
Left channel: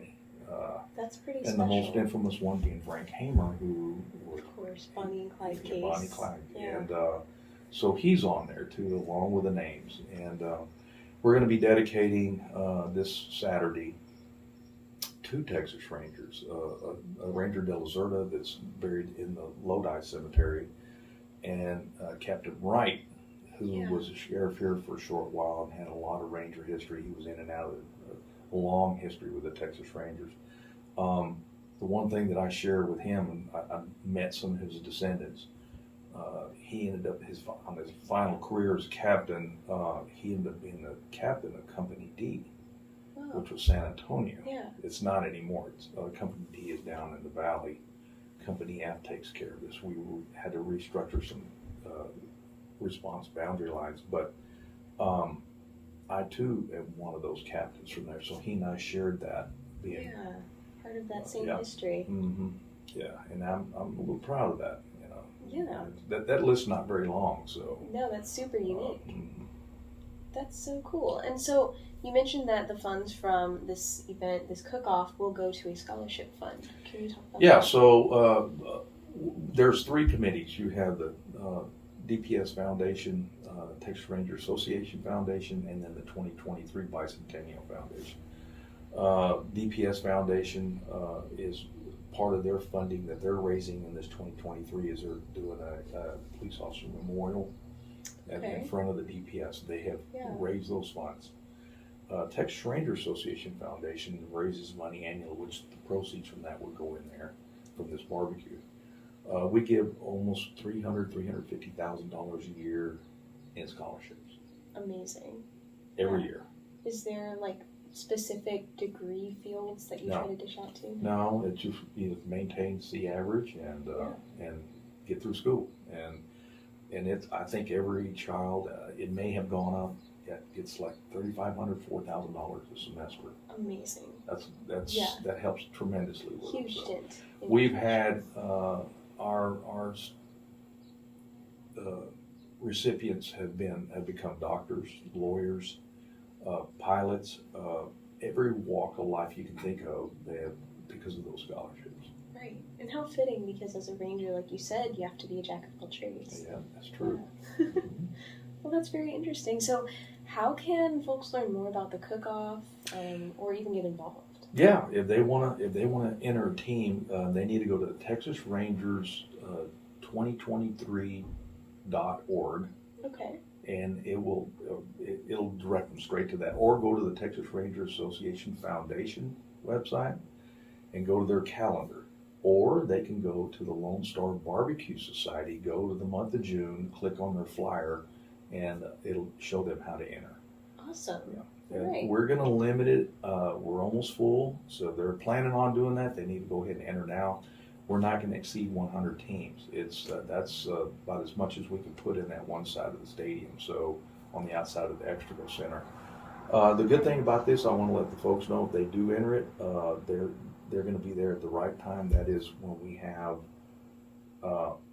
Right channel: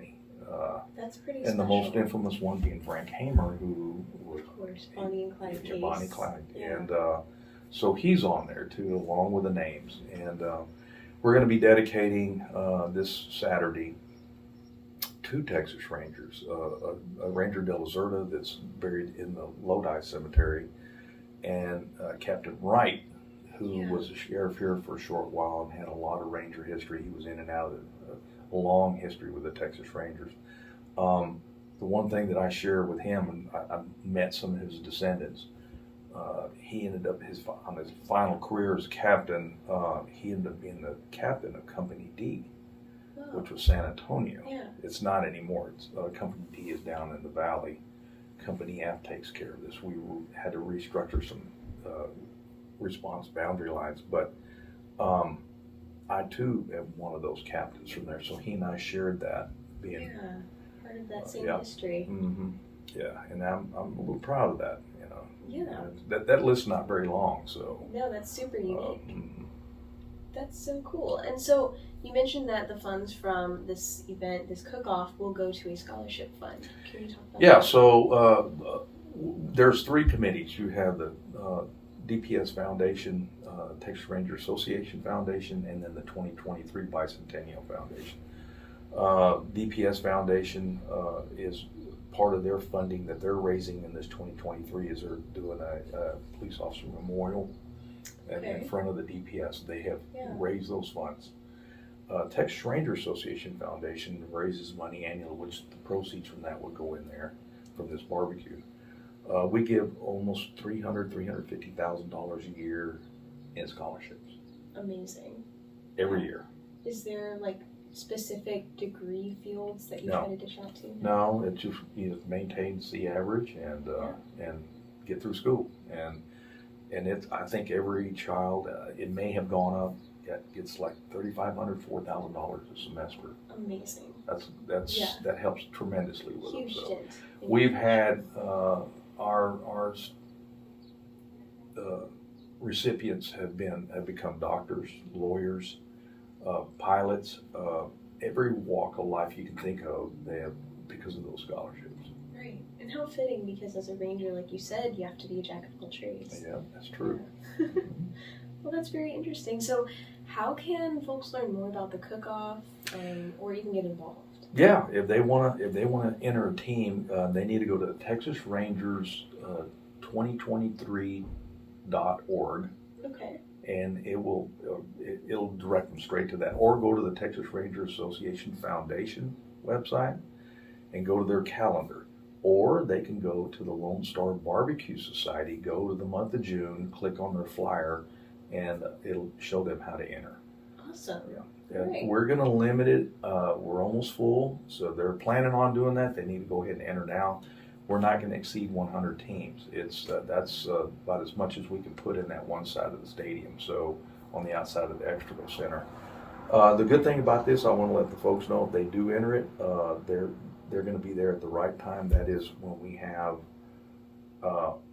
That's pretty and special. the most infamous one being Frank Hamer, who was, of course, Bonnie and Clyde case. Bonnie Clyde. Yeah. And so he's on there too, along with the names. And we're going to be dedicating this Saturday two Texas Rangers, a Ranger de la Zerta that's buried in the Lodi Cemetery, and Captain Wright, who was a sheriff here for a short while and had a lot of Ranger history. He was in and out of a long history with the Texas Rangers. The one thing that I shared with him, and I met some of his descendants, he ended up on his final career as captain. He ended up being the captain of Company D, which was San Antonio. Yeah. It's not anymore. It's Company D is down in the valley. Company F takes care of this. We had to restructure some response boundary lines, but I too am one of those captains from there. So he and I shared that, being part of that same history. Mm-hmm. Yeah, and I'm a little proud of that. Yeah. That list's not very long, so. No, that's super unique. Mm-hmm. That's so cool. And so you mentioned that the funds from this event, this cook-off, will go to a scholarship fund. Can you talk about that? Yeah, so there's three committees. You have the DPS Foundation, Texas Ranger Association Foundation, and then the 2023 Bicentennial Foundation. DPS Foundation is part of their funding that they're raising in this 2023 is they're doing a police officer memorial in front of the DPS. They have raised those funds. Texas Ranger Association Foundation raises money annually, which the proceeds from that would go in there from this barbecue. We give almost $350,000 a year in scholarships. Amazing. Every year. Is there like specific degree fields that you try to dish out to? No, it just maintains the average and get through school. And I think every child, it may have gone up. It's like $3,500, $4,000 a semester. Amazing. That helps tremendously with Huge them. stint. We've had our recipients have become doctors, lawyers, pilots, every walk of life you can think of. They have because of those scholarships. Right, and how fitting, because as a ranger, like you said, you have to be a jack of all trades. Yeah, that's true. Yeah. Well, that's very interesting. So, how can folks learn more about the cook-off, or even get involved? Yeah, if they want to enter a team, they need to go to Texas Rangers 2023.org. Okay. And it'll direct them straight to that, or go to the Texas Ranger Association Foundation website and go to their calendar, or they can go to the Lone Star Barbecue Society, go to the month of June, click on their flyer, and it'll show them how to enter. Awesome. Yeah. Right. We're going to limit it. We're almost full, so they're planning on doing that. They need to go ahead and enter now. we're not going to exceed 100 teams. That's about as much as we can put in that one side of the stadium, so on the outside of the Extrago Center. The good thing about this, I want to let the folks know if they do enter it, they're going to be there at the right time. That is when we have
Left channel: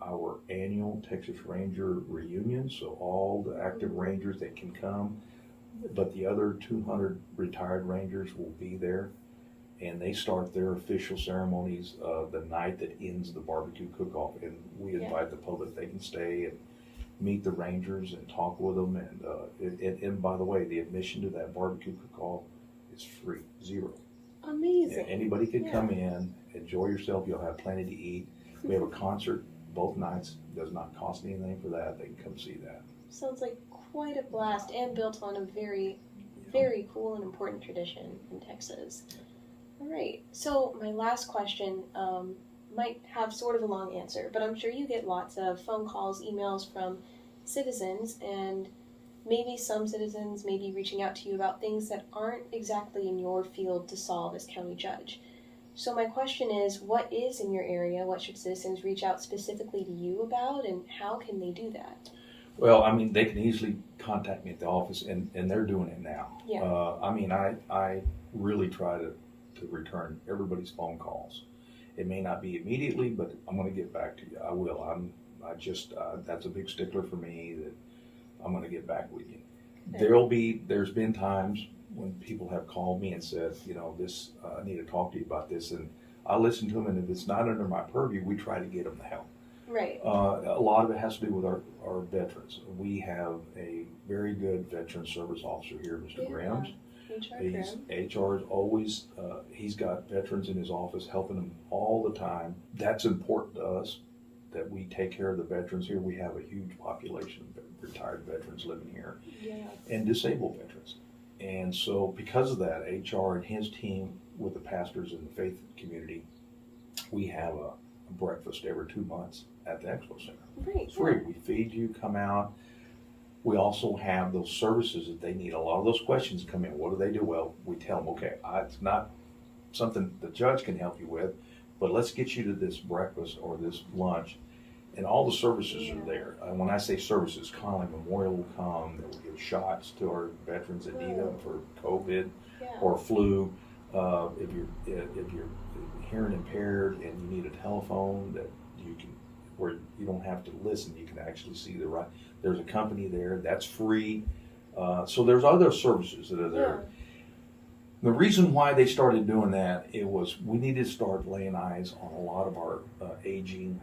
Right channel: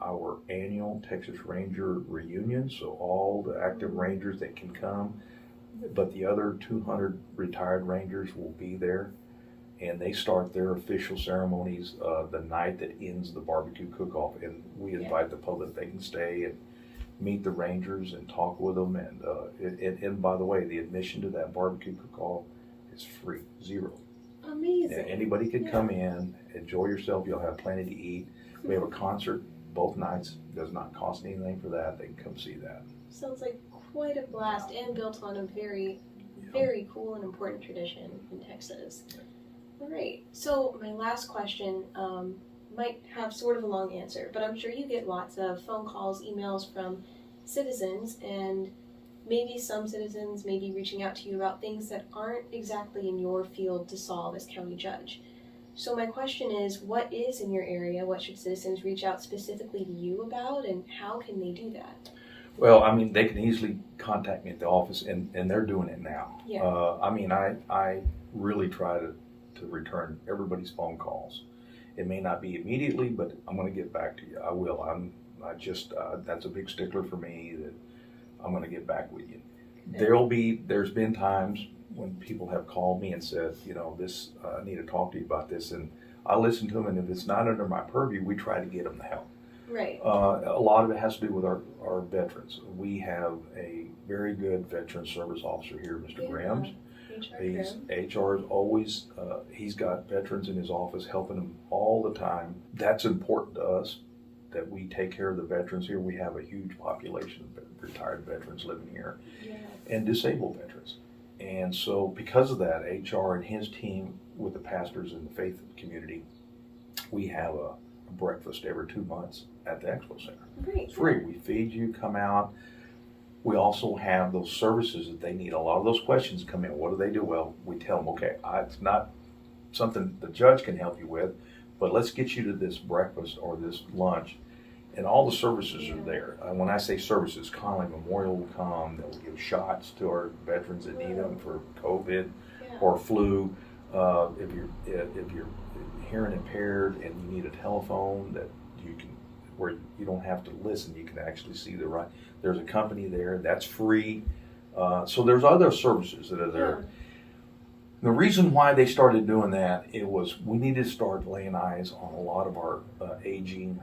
our annual Texas Ranger reunion, so all the active Rangers that can come, but the other 200 retired Rangers will be there, and they start their official ceremonies the night that ends the barbecue cook-off, and we invite the public. They can stay and meet the Rangers and talk with them, and by the way, the admission to that barbecue cook-off is free, zero. Amazing. And anybody can come in, enjoy yourself. You'll have plenty to eat. We have a concert both nights. Does not cost anything for that. They can come see that. Sounds like quite a blast, and built on a very, very cool and important tradition in Texas. All right. So my last question might have sort of a long answer, but I'm sure you get lots of phone calls, emails from citizens, and maybe some citizens may be reaching out to you about things that aren't exactly in your field to solve as county judge. So my question is, what is in your area? What should citizens reach out specifically to you about, and how can they do that? Well, I mean, they can easily contact me at the office, and they're doing it now. Yeah. I really try to return everybody's phone calls. It may not be immediately, but I'm going to get back to you. I will. That's a big stickler for me, that I'm going to get back with you. There's been times when people have called me and said, I need to talk to you about this, and I listen to them, and if it's not under my purview, we try to get them the help. Right. A lot of it has to do with our veterans. We have a very good veteran service officer here, Mr. Grams. HR is always, he's got veterans in his office helping them all the time. That's important to us, that we take care of the veterans here. We have a huge population of retired veterans living here, and disabled veterans. And so because of that, HR and his team with the pastors in the faith community, we have a breakfast every 2 months at the Expo Center. Great. Free. We feed you, come out. We also have those services that they need. A lot of those questions come in. What do they do? Well, we tell them, okay, it's not something the judge can help you with, but let's get you to this breakfast or this lunch, and all the services are there. When I say services, Conley Memorial will come. They will give shots to our veterans that need them for COVID or flu. If you're hearing impaired and you need a telephone that you can, where you don't have to listen, you can actually see the right. There's a company there that's free. So there's other services that are there. The reason why they started doing that, it was we needed to start laying eyes on a lot of our aging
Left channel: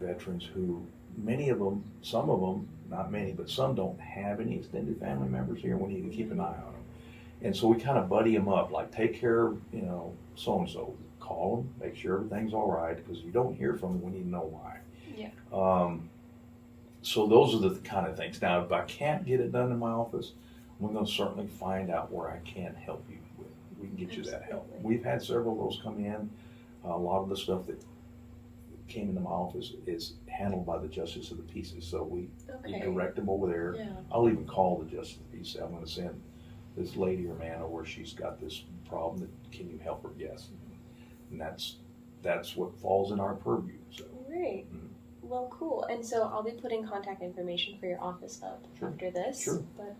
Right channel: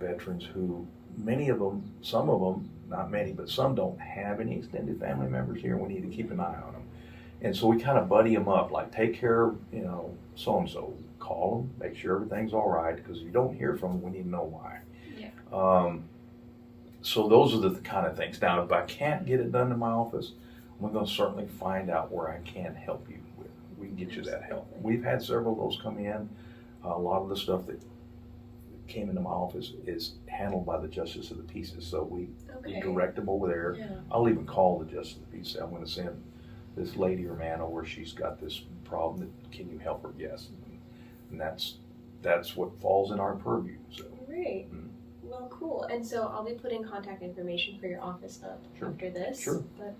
veterans who, many of them, some of them, not many, but some don't have any extended family members here. We need to keep an eye on them. And so we kind of buddy them up, like take care of, so-and-so. Call them, make sure everything's all right, because if you don't hear from them, we need to know why. Yeah. So those are the kind of things. Now, if I can't get it done in my office, we're going to certainly find out where I can help you with. We can get you that help. We've had several of those come in. A lot of the stuff that came into my office is handled by the Justice of the Peace, so we direct them over there. Yeah. I'll even call the Justice of the Peace. I'm going to send this lady or man over. She's got this problem. Can you help her? Yes. And that's what falls in our purview. So. Great. Well, cool. And so I'll be putting contact information for your office up after this. Sure. But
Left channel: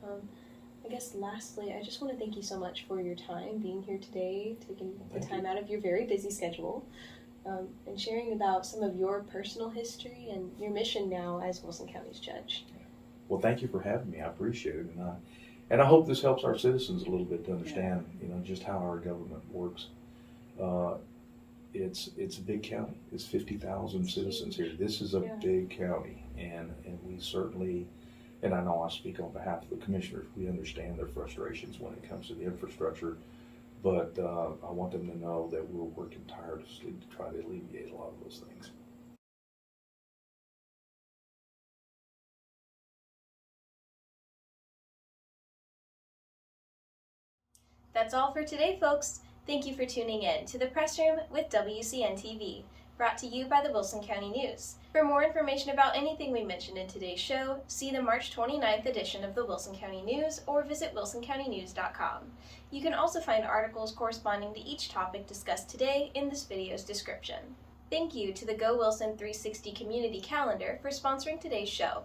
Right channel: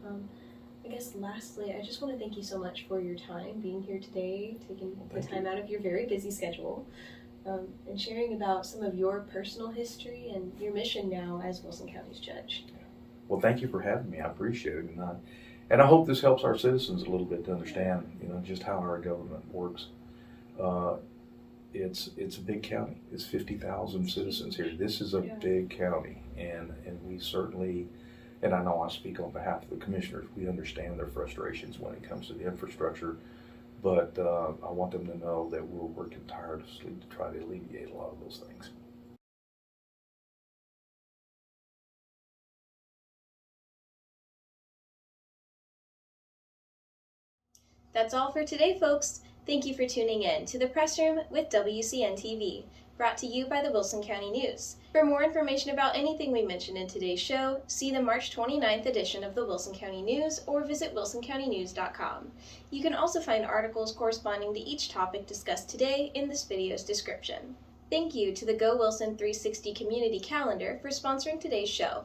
I guess lastly, I just want to thank you so much for your time, being here today, taking the time out of your very busy schedule, and sharing about some of your personal history and your mission now as Wilson County's judge. Yeah. Well, thank you for having me. I appreciate it. And I hope this helps our citizens a little bit to understand, just how our government works. It's a big county. It's 50,000 citizens here. This is a big county, and we certainly, and I know I speak on behalf of the commissioners, we understand their frustrations when it comes to the infrastructure, but I want them to know that we're working tirelessly to try to alleviate a lot of those things. That's all for today, folks. Thank you for tuning in to the Press Room with WCN-TV, brought to you by the Wilson County News. For more information about anything we mentioned in today's show, see the March 29th edition of the Wilson County News or visit wilsoncountynews.com. You can also find articles corresponding to each topic discussed today in this video's description. Thank you to the Go Wilson 360 Community Calendar for sponsoring today's show.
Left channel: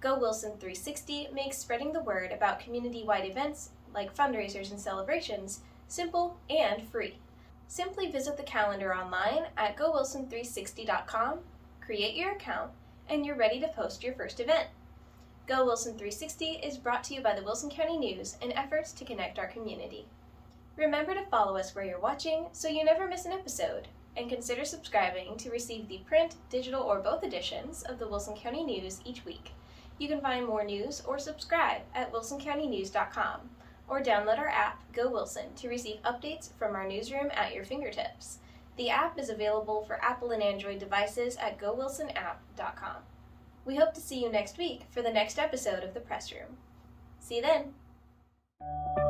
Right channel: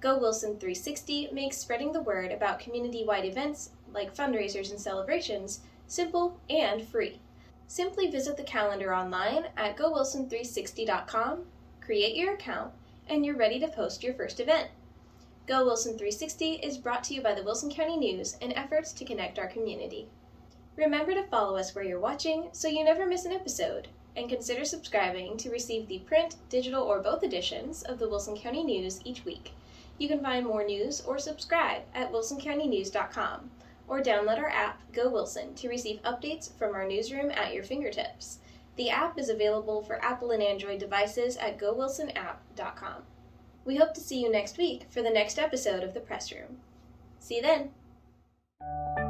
Go Wilson 360 makes spreading the word about community-wide events, like fundraisers and celebrations, simple and free. Simply visit the calendar online at gowilson360.com, create your account, and you're ready to post your first event. Go Wilson 360 is brought to you by the Wilson County News in efforts to connect our community. Remember to follow us where you're watching so you never miss an episode, and consider subscribing to receive the print, digital, or both editions of the Wilson County News each week. You can find more news or subscribe at wilsoncountynews.com, or download our app, Go Wilson, to receive updates from our newsroom at your fingertips. The app is available for Apple and Android devices at gowilsonapp.com. We hope to see you next week for the next episode of The Press Room. See you then!